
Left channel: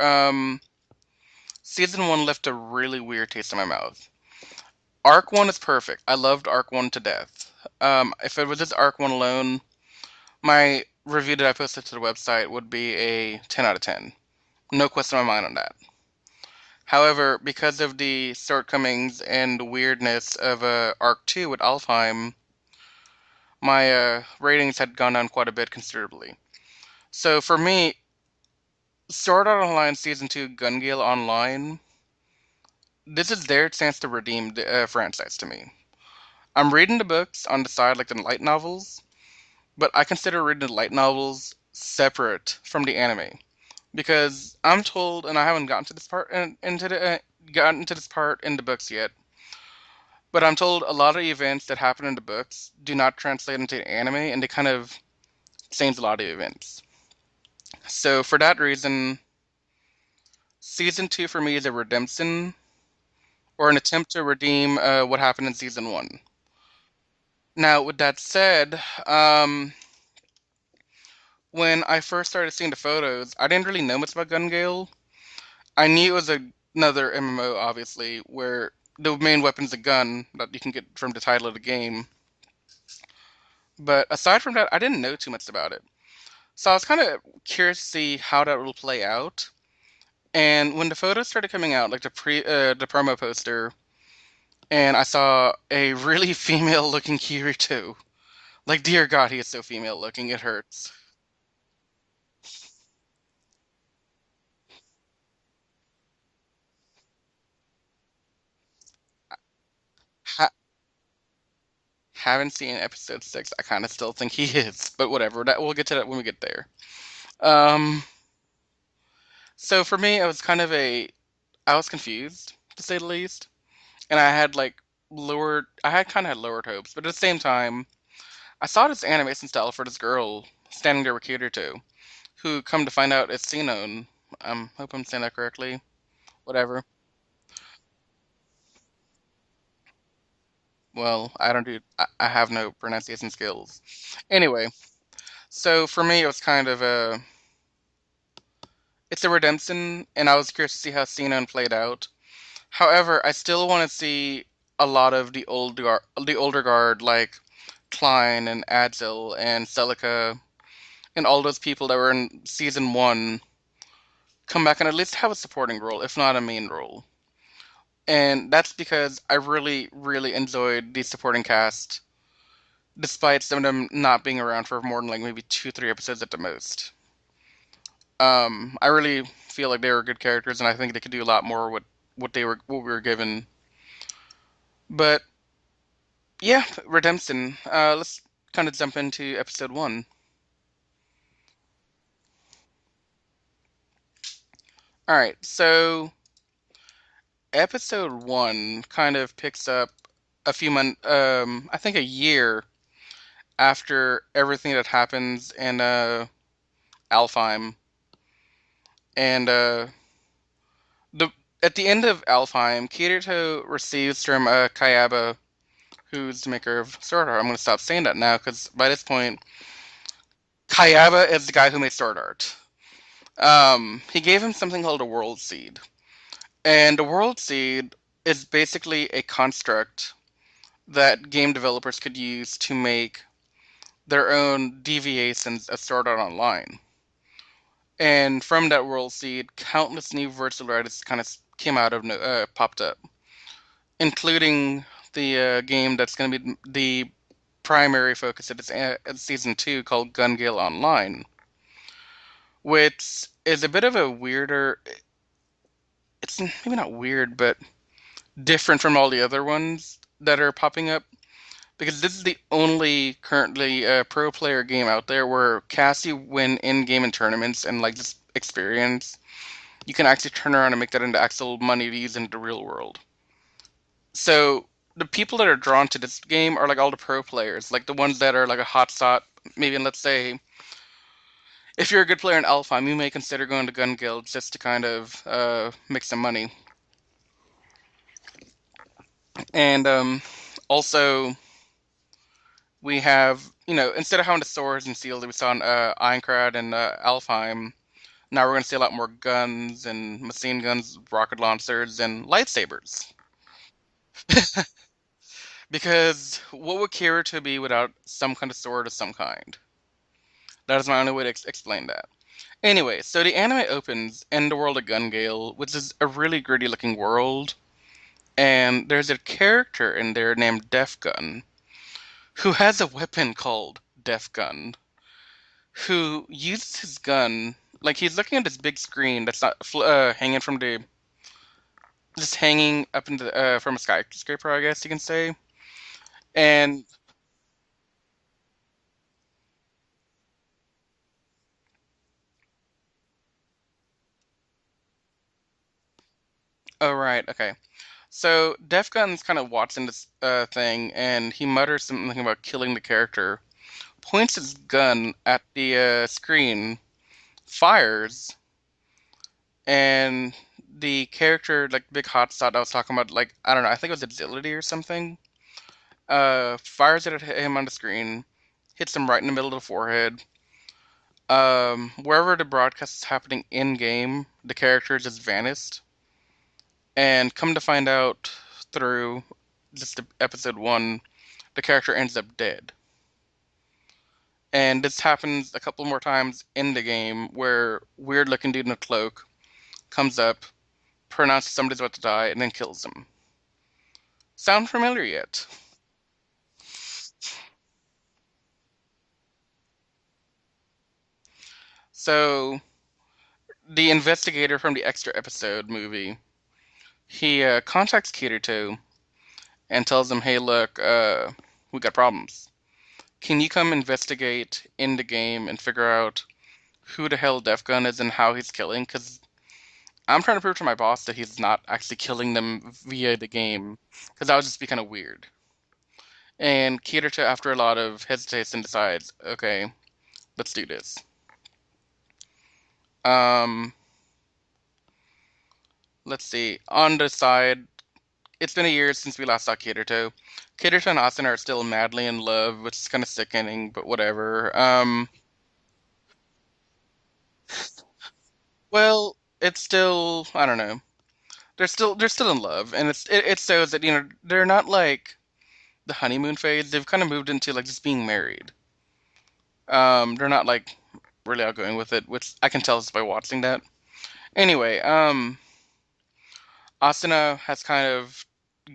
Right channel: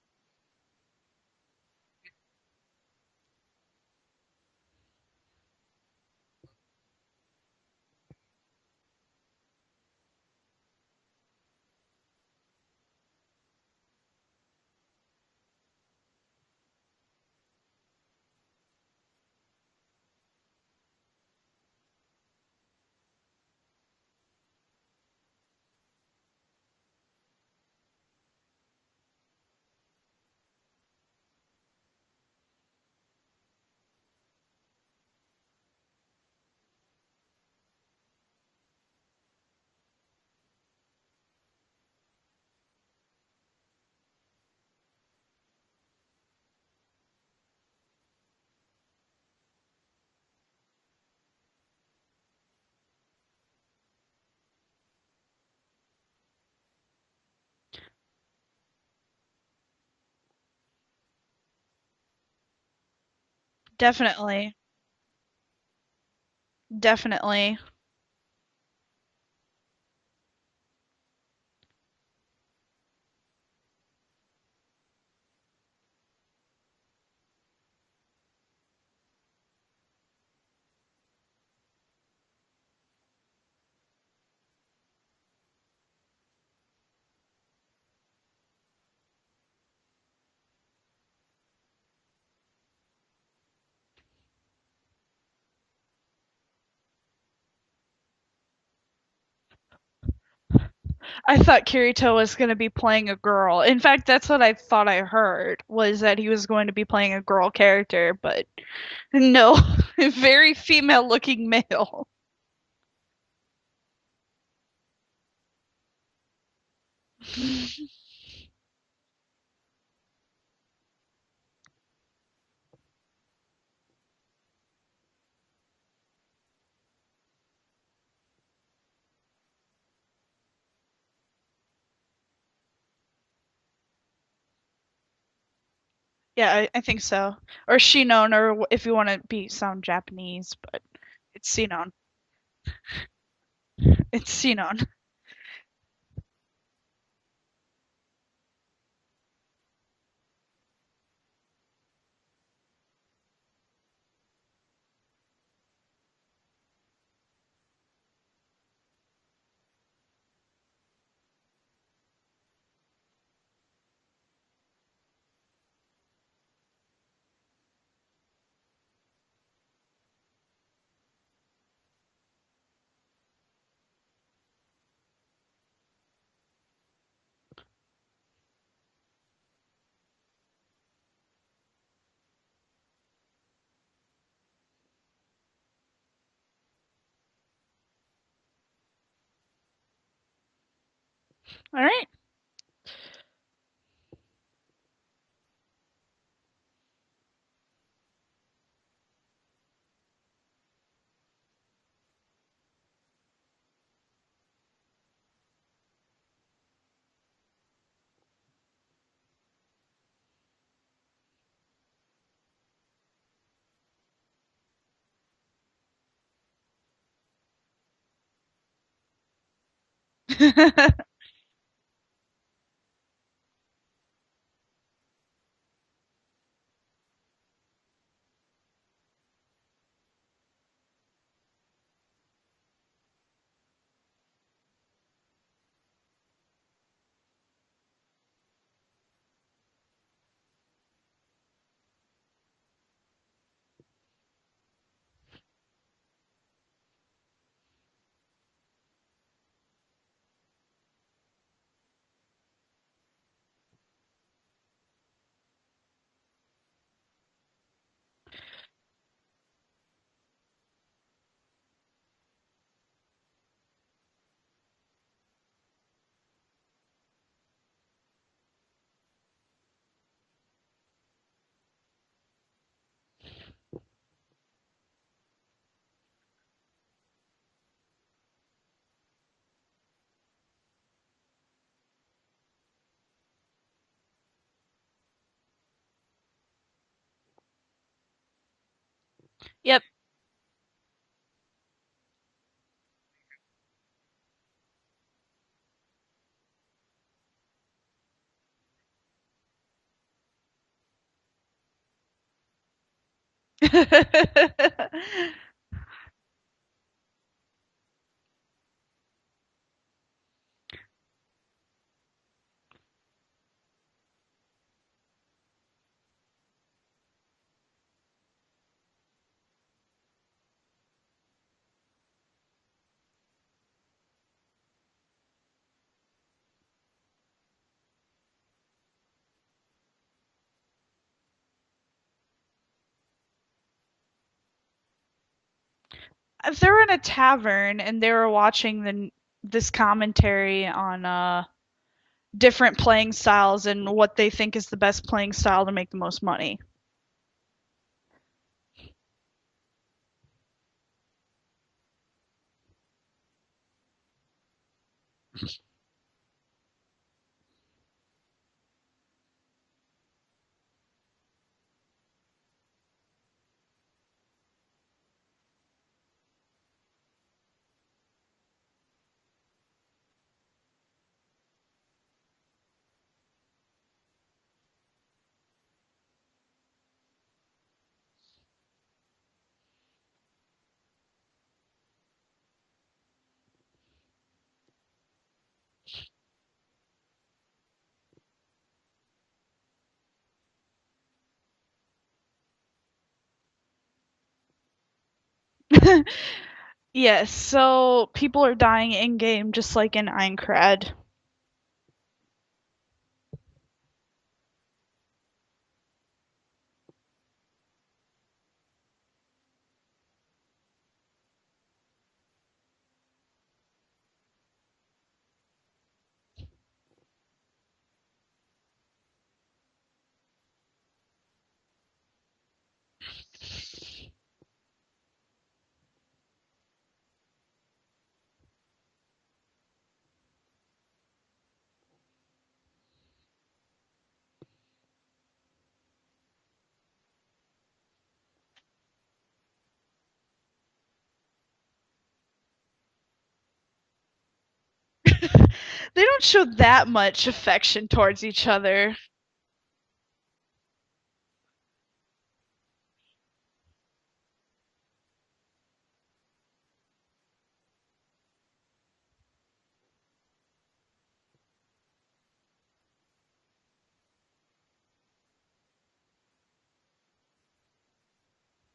season one left a really weird taste in my mouth. Arc one is perfect. I loved Arc one to death. If it was just Arc one alone, my review that I posted to the website would be a 10 out of 10. No question in my mind on that. However, because of the shortcomings and the weirdness of Arc 2 with Alfheim, my ratings had gone down quite a bit considerably. So for me, Sword Art Online Season 2 Gun Gale Online, this is their chance to redeem the franchise to me. I'm reading the books on the side, like the light novels, but I consider reading the light novels separate from the anime. Because I'm told, and I haven't gotten to this part gotten to this part in the books yet, but I'm told a lot of events that happen in the books do not translate into anime, and they kind of change a lot of events. So for that reason, season two for me is a redemption or an attempt to Definitely. redeem what happened in season one. Definitely. Now, with that said, when I first started seeing the photos, I didn't really know much about Gun Gale. I knew it was another MMO, obviously, where the main weapon's a gun that you can get from the title of the game. But aside from that, I didn't know too much about it. So I was kind of curious to see how that will play out. And when the photos started coming out, like the promo poster, and I saw a really female-looking Kirito. Like, dear God, he is so female-looking, it hurts. I thought Kirito was going to be playing a girl. In fact, that's what I thought I heard, was that he was going to be playing a girl character, but no, Ha- very female looking male. haven't seen episode six. I kind of still think he is, but whatever. That we'll get to that when we get there. Um, so for me, it was kind of I was confused to say the least, and I had kind of had lowered hopes, but at the same time, I saw this animation style for this girl standing there with Kirito, who come to find out is Sinon. Hope I'm saying that correctly. Yeah, I Whatever. think so. Or Shinon, or if you want to be sound Japanese, but Well, I it's don't do. Sinon. I have no pronunciation skills. It's Anyway, Sinon. so for me, it was kind of it's a redemption, and I was curious to see how Sinon played out. However, I still want to see a lot of the older guard, like Klein and Adzel and Celica and all those people that were in season one, come back and at least have a supporting role, if not a main role. And that's because I really, really enjoyed the supporting cast, despite some of them not being around for more than like maybe two, three episodes at the most. I really feel like they were good characters, and I think they could do a lot more with what we were given. But yeah, Redemption. Let's kind of jump into episode one. All right. All right, so episode one kind of picks up a few months, I think a year after everything that happens in Alfheim, and the at the end of Alfheim, Kirito receives from Kayaba, who's the maker of Sword Art. I'm going to stop saying that now because by this point, Kayaba is the guy who made Sword Art. He gave him something called a World Seed, and a World Seed is basically a construct that game developers could use to make their own deviations of Sword Art Online. And from that World Seed, countless new virtual artists kind of came out of popped up, including the game that's going to be the primary focus of its season two called Gun Gale Online, which is a bit of a weirder. It's maybe not weird, but different from all the other ones that are popping up because this is the only currently pro player game out there where Cassie win in game and tournaments and like just experience. You can actually turn around and make that into actual money to use in the real world. So the people that are drawn to this game are like all the pro players, like the ones that are like a hot shot. Maybe let's say if you're a good player in Alfheim, you may consider going to gun guilds just to kind of make some money. Yep. And also we have instead of having the swords and shields that we saw in Aincrad and Alfheim, now we're going to see a lot more guns and machine guns, rocket launchers, and lightsabers. Because what would Kirito be without some kind of sword of some kind? That is my only way to explain that. Anyway, so the anime opens in the world of Gungale, which is a really gritty looking world, and there's a character in there named Def Gun, who has a weapon called Def Gun, who uses his gun like he's looking at this big screen that's not hanging from the just hanging up into from a skyscraper, I guess you can say. If they And were in a tavern and they were watching this commentary on different playing styles and what they think is the best playing style to make the most money. oh right, okay. So Def Gun's kind of watching this thing, and he mutters something about killing the character. Points his gun at the screen, fires, and the character, like big hotshot I was talking about, like I don't know, I think it was agility or something. Fires it at him on the screen, hits him right in the middle of the forehead. Wherever the broadcast is happening in game, the character just vanished. And come to find out through just episode one, the character ends up dead. And this happens a couple more times in the game where weird looking dude in a cloak comes up, pronounces somebody's about to die, and then kills him. Sound familiar yet? Yes, so people are dying in game just like in Aincrad. So the investigator from the extra episode movie, he contacts Kirito and tells him, "Hey, look, we got problems. Can you come investigate in the game and figure out who the hell Def Gun is and how he's killing? Because I'm trying to prove to my boss that he's not actually killing them via the game, because that would just be kind of weird." And Kirito, after a lot of hesitation, decides, "Okay, let's do this." Um, let's see. On the side, it's been a year since we last saw Kirito. Kirito and Asuna are still madly in love, which is kind of sickening, but whatever. They don't show that much affection towards each other. Well, it's still, I don't know. They're still in love, and it shows that they're not like the honeymoon phase. They've kind of moved into like just being married. They're not like really outgoing with it, which I can tell just by watching that. Anyway, Asuna has kind of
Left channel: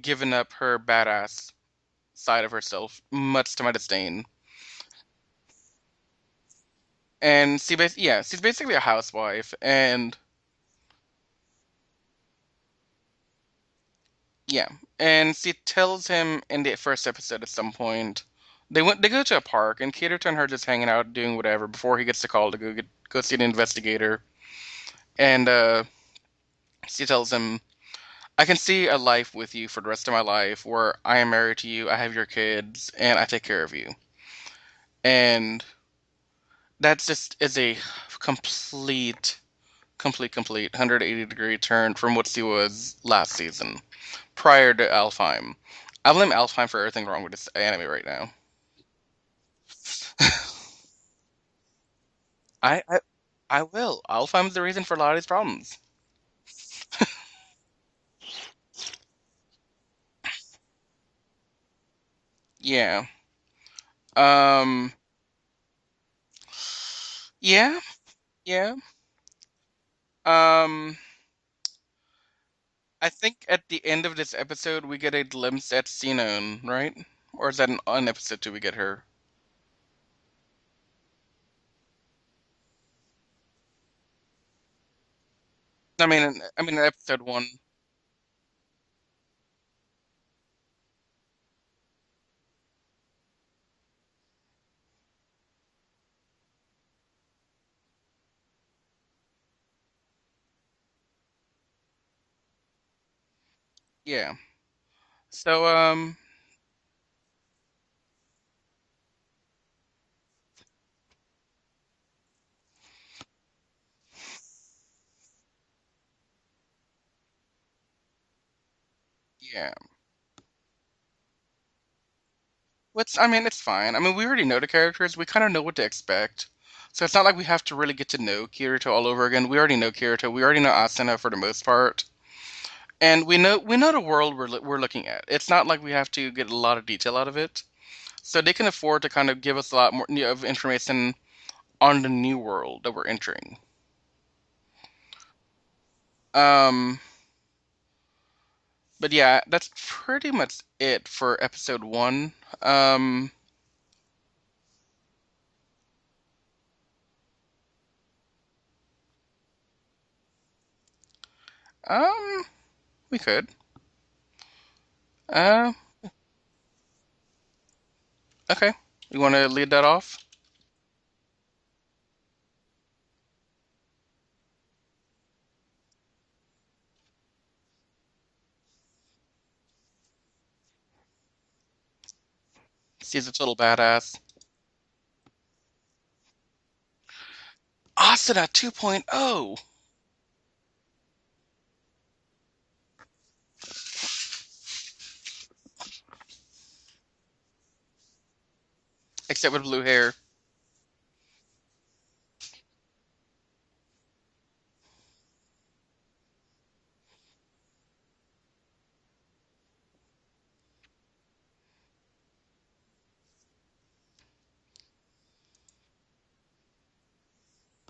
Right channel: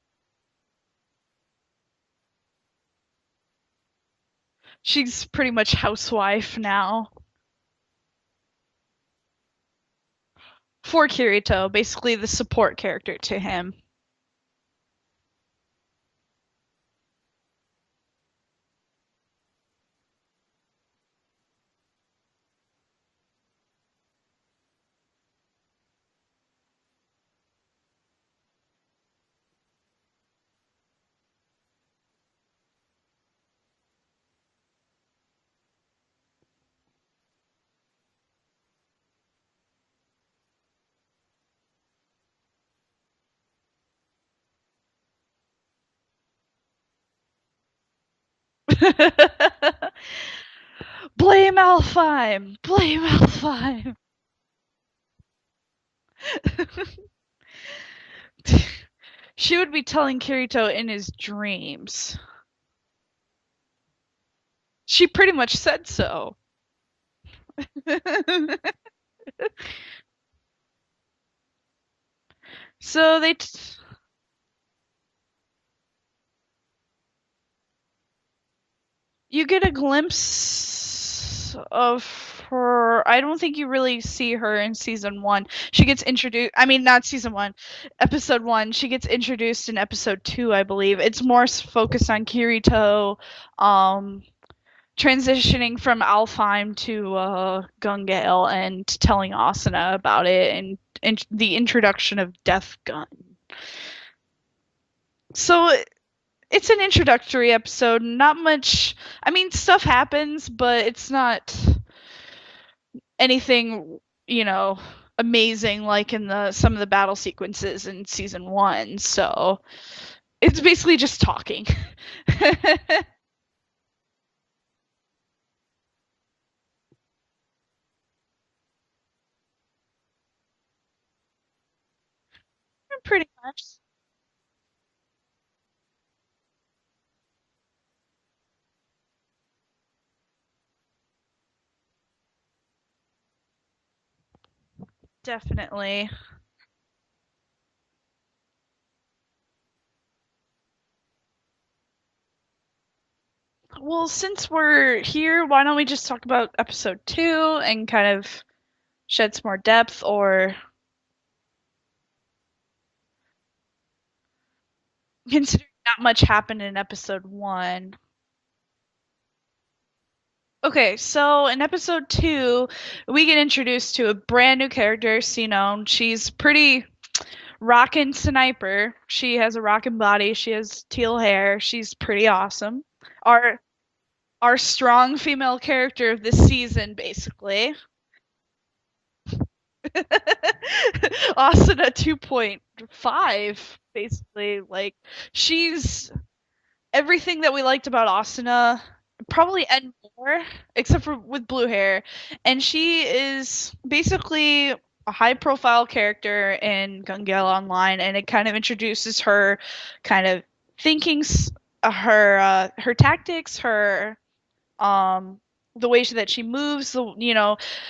given up her badass side of herself, much to my disdain. She's pretty much housewife now. And she's basically a housewife, and For Kirito, basically the support character to him. yeah, and she tells him in the first episode at some point they go to a park, and Kirito and her just hanging out doing whatever before he gets the call to go see the investigator, and she tells him, I can see a life with you for the rest of my life where I am married to you, I have your kids, and I take care of you. And that just is a complete, complete 180-degree turn from what she was last season, prior to Alfheim. I blame Alfheim for everything wrong with this anime right now. Blame Alfheim. I, I, Blame I Alfheim. will. Alfheim's the reason for a lot of these problems. She would be telling Kirito in his dreams. Yeah. Um. She pretty much said so. Yeah. Yeah. Um. I So think at the end of this episode we get a glimpse at Sinon, right? Or is that an episode two we get her? you get a glimpse of her. I don't think you really see her in season 1. She gets I mean, introduced. I I mean, mean, not episode season one. 1, episode 1. She gets introduced in episode 2, I believe. It's more focused on Kirito, um, transitioning from Alfheim to Gungale and telling Asuna about it and the introduction of Death Gun. Yeah. So, So it's an introductory episode. Not much. I mean, stuff happens, but it's not anything, amazing like in the some of the battle sequences in season 1. So yeah. it's basically just talking. I mean, it's fine. I mean, we already know the characters. We kind of know what to expect. So it's not like we have to really get to know Kirito all over again. We already know Kirito. We already know Asuna for the most part. Pretty And we know the world we're looking at. It's not like we have to get a lot of detail out of it. So they can afford to kind of give us a lot more of information on the new world that we're entering. definitely. Um, but yeah, that's pretty much it for episode one. Um, Well, since we're here, why don't we just talk about episode 2 and kind of shed some more depth, or um, we could. considering Uh, not much happened in episode 1. okay. You want to lead that off? Okay, so in episode 2, we get introduced to a brand new character, Sinon. She's pretty rockin' sniper. She has a rockin' body. She has teal hair. She's pretty awesome. She's a total Our badass. our strong female character of this season, basically. Asuna 2.0. Asuna 2.5, basically. Like, she's everything that we liked about Asuna, Except probably with blue and hair. more, except for with blue hair. And she is basically a high profile character in Gungale Online, and it kind of introduces her kind of thinking, her tactics, her the way that she moves,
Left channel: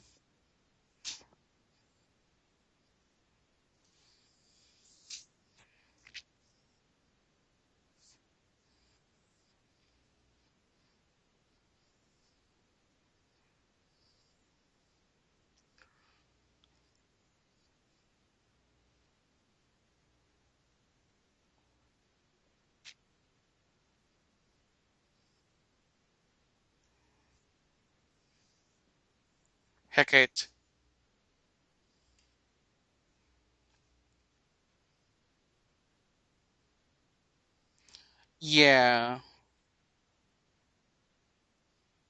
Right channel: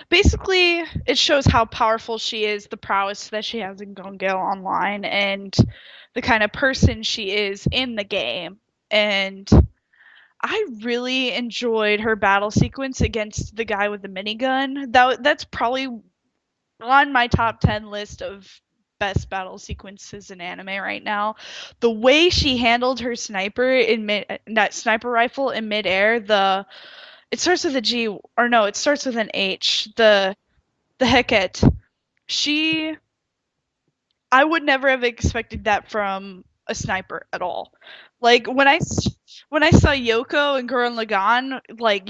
basically it shows how powerful she is, the prowess that she has in Gongale Online, and the kind of person she is in the game. And I really enjoyed her battle sequence against the guy with the minigun. That's probably on my top 10 list of best battle sequences in anime right now. The way she handled her sniper in that sniper rifle in midair, it starts with a G, or no, it starts with an H. Hecate. The Heket. She, I would never have expected that from a sniper at all. Like Yeah. when I saw Yoko and Gurren Lagann, like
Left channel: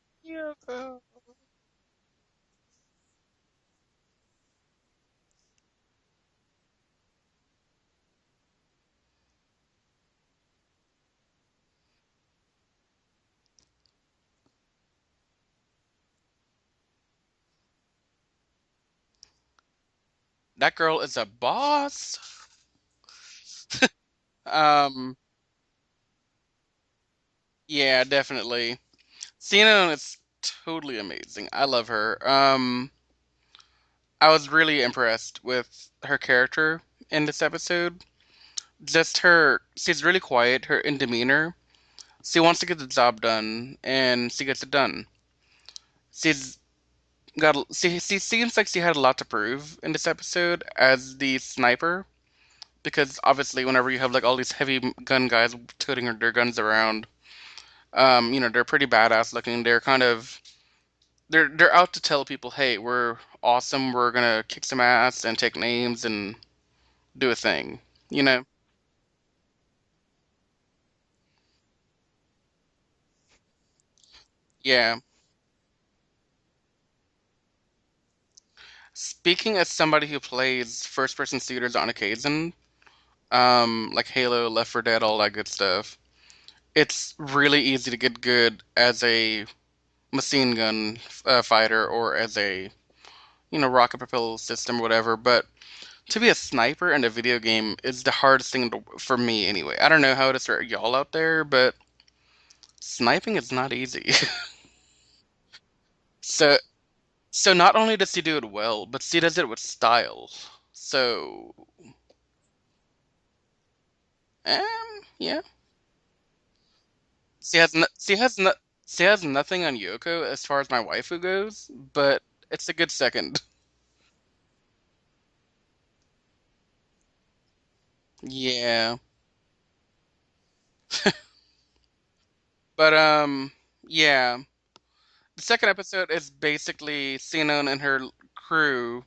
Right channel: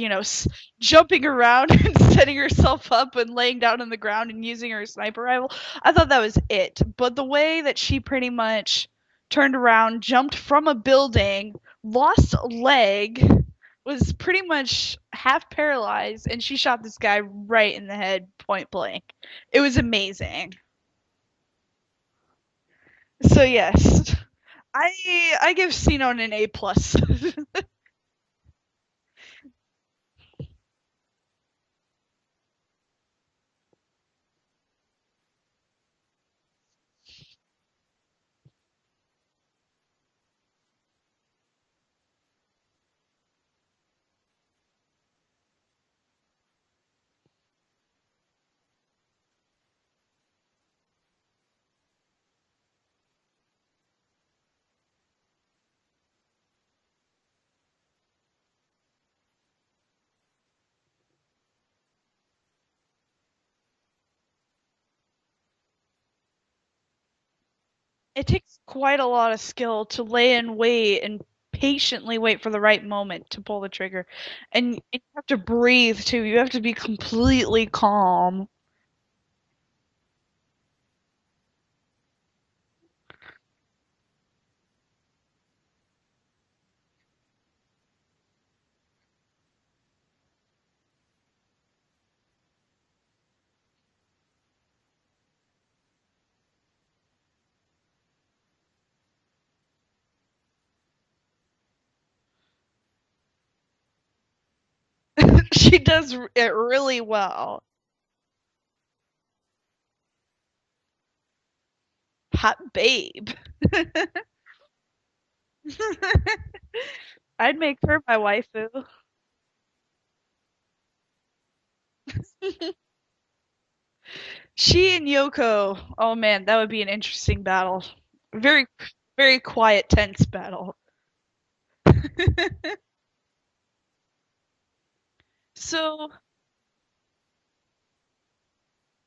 jumping around and setting herself up and laying down on the ground and using her sniper rifle, I thought that was it. But the way that she pretty much turned around, jumped from a building, lost a leg, was pretty much half paralyzed, and she shot this guy right in the head point blank. It was amazing. That girl is a boss. So yes, Um, I give Sinon an A plus. yeah, definitely. Sinon is totally amazing. I love her. I was really impressed with her character in this episode. Just she's really quiet, her in demeanor. She wants to get the job done, and she gets it done. She's she seems like she had a lot to prove in this episode as the sniper, because obviously whenever you have like all these heavy gun guys toting their guns around, they're pretty badass looking. They're kind of they're out to tell people, hey, we're awesome. We're gonna kick some ass and take names and do a thing. you It know. takes quite a lot of skill to lay in wait and patiently wait for the right moment to pull the trigger. And Yeah. you have to breathe too. You have to be completely calm. Speaking as somebody who plays first-person shooters on occasion, like Halo, Left 4 Dead, all that good stuff, it's really easy to get good as a machine gun fighter or as a rocket propelled system or whatever. But to be a sniper in a video game is the hardest thing for me anyway. I don't know how it is for y'all out there, but sniping is not easy. She does it so really so well. not only does she do it well, but she does it with style. So Hot babe. yeah, I'd make her my waifu. she has nothing on Yoko as far as my waifu goes, but it's a good second. She and Yoko. Oh man, that would be an interesting battle. Very, Yeah, very quiet, tense battle. but yeah. The second So, episode is basically Sinon and her crew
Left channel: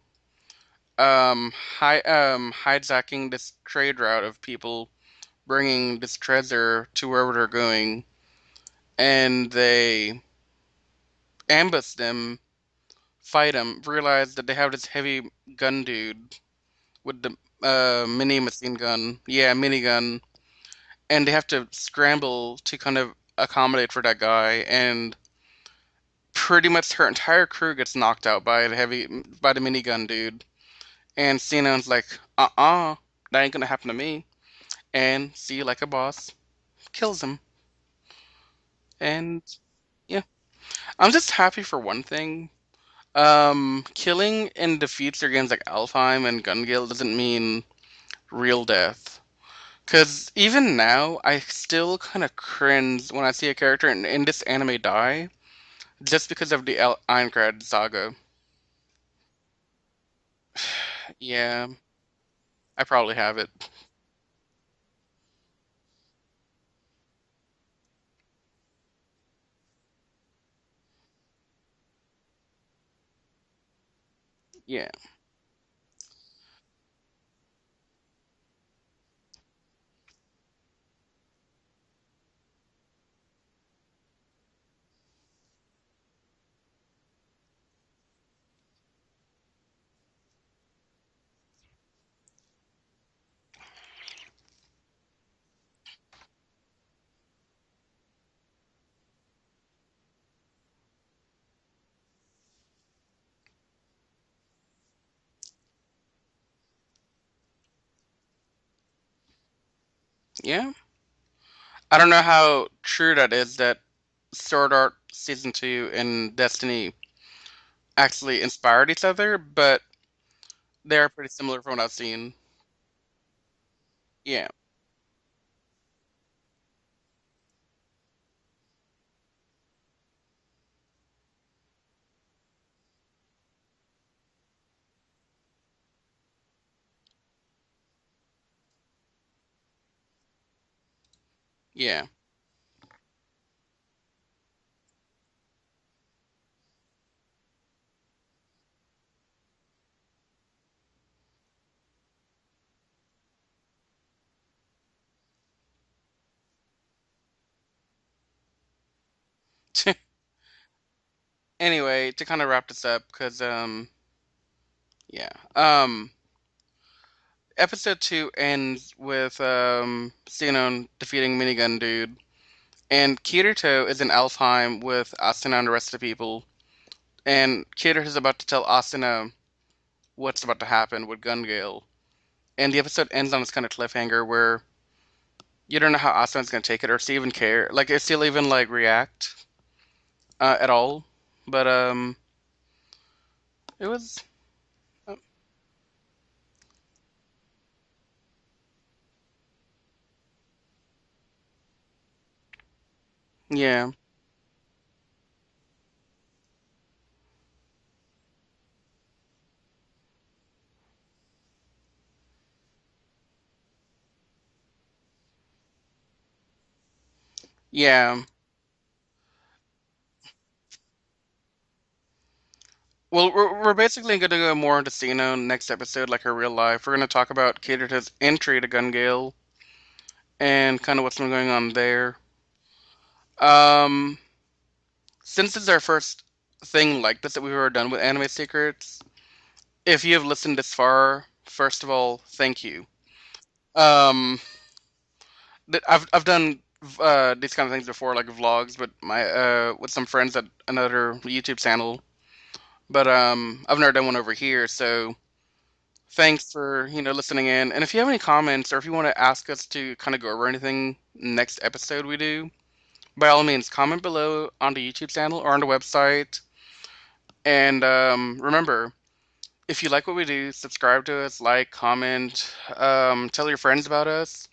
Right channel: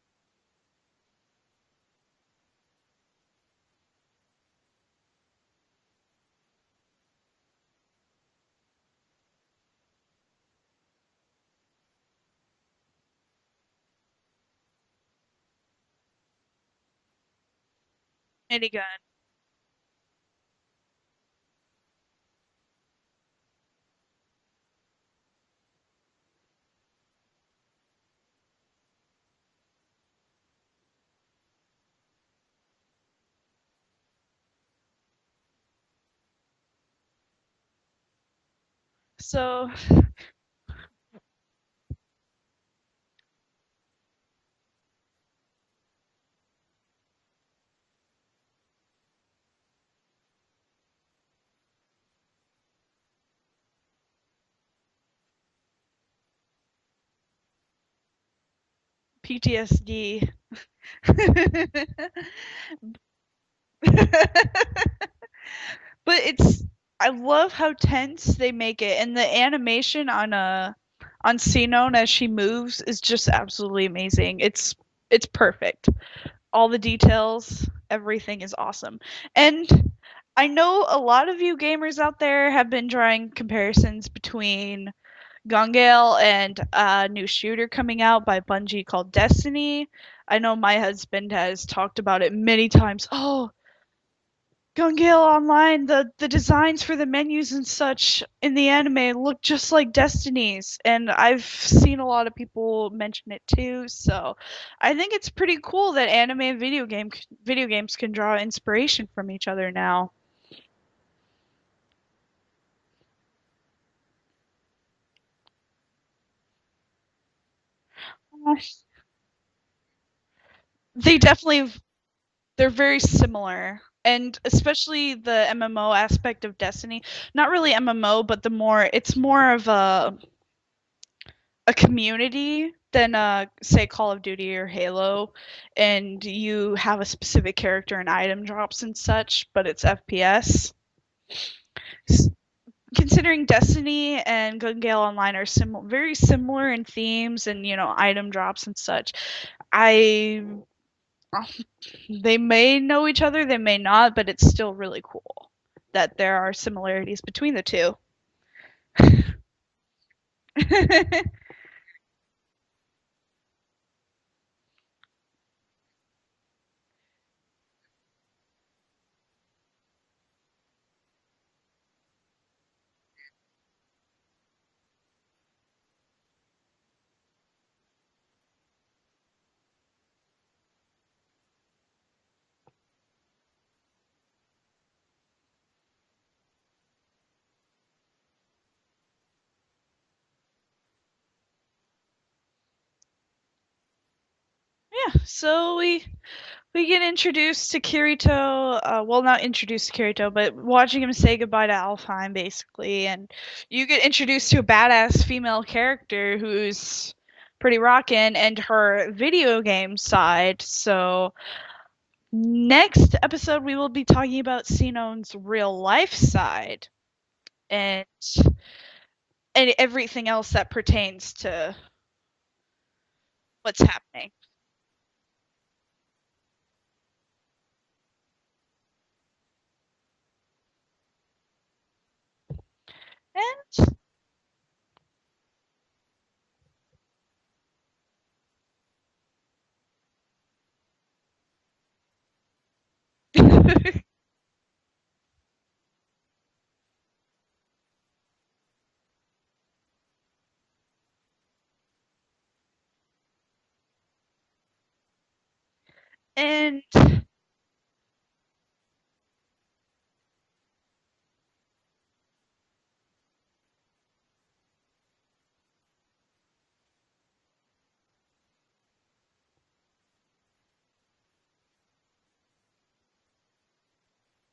hijacking this trade route of people bringing this treasure to wherever they're going, and they ambush them, fight them, realize that they have this heavy gun dude with the mini machine minigun. gun, yeah, minigun, and they have to scramble to kind of accommodate for that guy, and pretty much her entire crew gets knocked out by the minigun dude. And Sinon's like, that ain't gonna happen to me. And see you like a boss kills him. And So, yeah, I'm just happy for one thing. Killing in the future games like Alfheim and Gun doesn't mean real death. Cause even now, I still kind of cringe when I see a character in this anime die, just because of the Aincrad saga. PTSD. Yeah, I probably have it. But it's I love how tense they make it, and the animation on Sinon as she moves is just absolutely amazing. Yeah, It's perfect. All the details, everything is awesome. And I know a lot of you gamers out there have been drawing comparisons between Gungale and a new shooter coming out by Bungie called Destiny. I know my husband has talked about it many times. Oh, Gungale Online, the designs for the menus and such in the anime look just like Destiny's, and I've seen a lot of people mention it too. So, I think it's pretty cool that anime and video games can draw inspiration from each other now. yeah. I don't know how true that is that Sword Art Season 2 and Destiny actually inspired each other, but they're They pretty similar from definitely what I've seen. they're very similar. And Yeah, especially the MMO aspect of Destiny, not really MMO, but it's more of a community than say Call of Duty or Halo, and you have a specific character and item drops and such, but it's FPS. yeah, Considering Destiny and Gungale Online are very similar in themes and item drops and such, I they may know each other, they may not, but it's still really cool that there are similarities between the two. anyway, to kind of wrap this up, because yeah, episode 2 ends with Xenon defeating Minigun Dude, and Kirito is in Alfheim with Asuna and the rest of the people, and Kirito is about to tell Asuna what's about to happen with Gungale, and the episode ends on this kind of cliffhanger where you don't know how Asuna's gonna take it, or if she even care, like if she'll even like react at all. But it was Yeah, so we get introduced to Kirito. Well, not introduced to Kirito, but watching him say goodbye to Alfheim, basically. And you yeah, get introduced to a badass female character who's pretty rockin', and her video game side. So, next episode, we will be talking about Sinon's real life side and yeah. and everything else that pertains to Well, we're What's basically happening? going to go more into Xeno next episode, like her real life. We're going to talk about Kirita's entry to Gun Gale and kind of what's been going on there. Eh, Um, since it's our first thing like this that we've ever done with Anime Secrets, if you have listened this far, first of all, thank you. Um, I've done these kind of things before, like vlogs, but my with some friends at another YouTube channel. But I've never done one over here, so thanks and for listening in. And if you have any comments or if you want to ask us to kind of go over anything next episode we do, by all means, comment below on the YouTube channel or on the website. And remember, if you like what we do, subscribe to us, like, comment, tell your friends about us,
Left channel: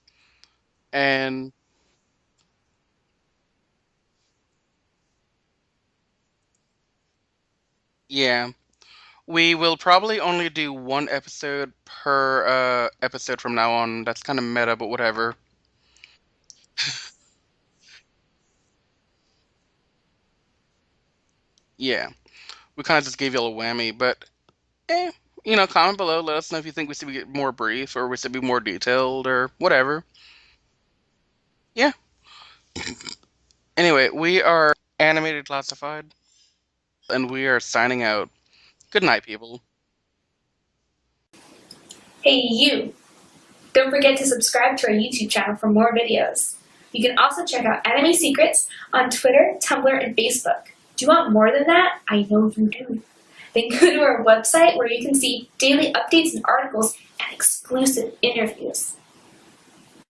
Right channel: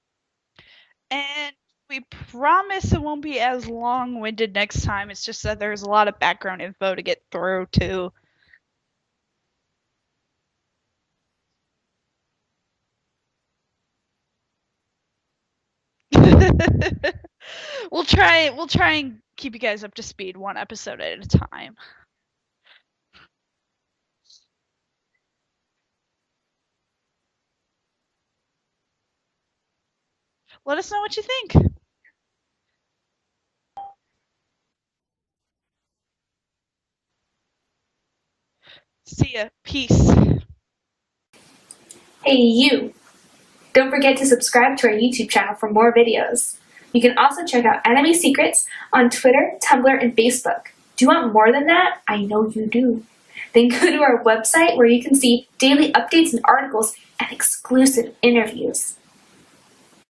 and and we promise it won't be as long-winded next time. It's just that there's a lot of background info to get through too. yeah, we will probably only do one episode per episode from now on. That's kind of meta, but whatever. We'll try and keep you guys up to speed one episode at a time. Yeah, we kind of just gave you a whammy, but eh, comment below. Let us know if you think we should be more brief or we should be more detailed or whatever. Let us know what you think. Yeah. Anyway, we are Animated Classified, and we are signing out. Good night, See ya. people. Peace. Hey, you! Don't forget to subscribe to our YouTube channel for more videos. You can also check out Anime Secrets on Twitter, Tumblr, and Facebook. Do you want more than that? I know you do. Then go to our website where you can see daily updates and articles and exclusive interviews.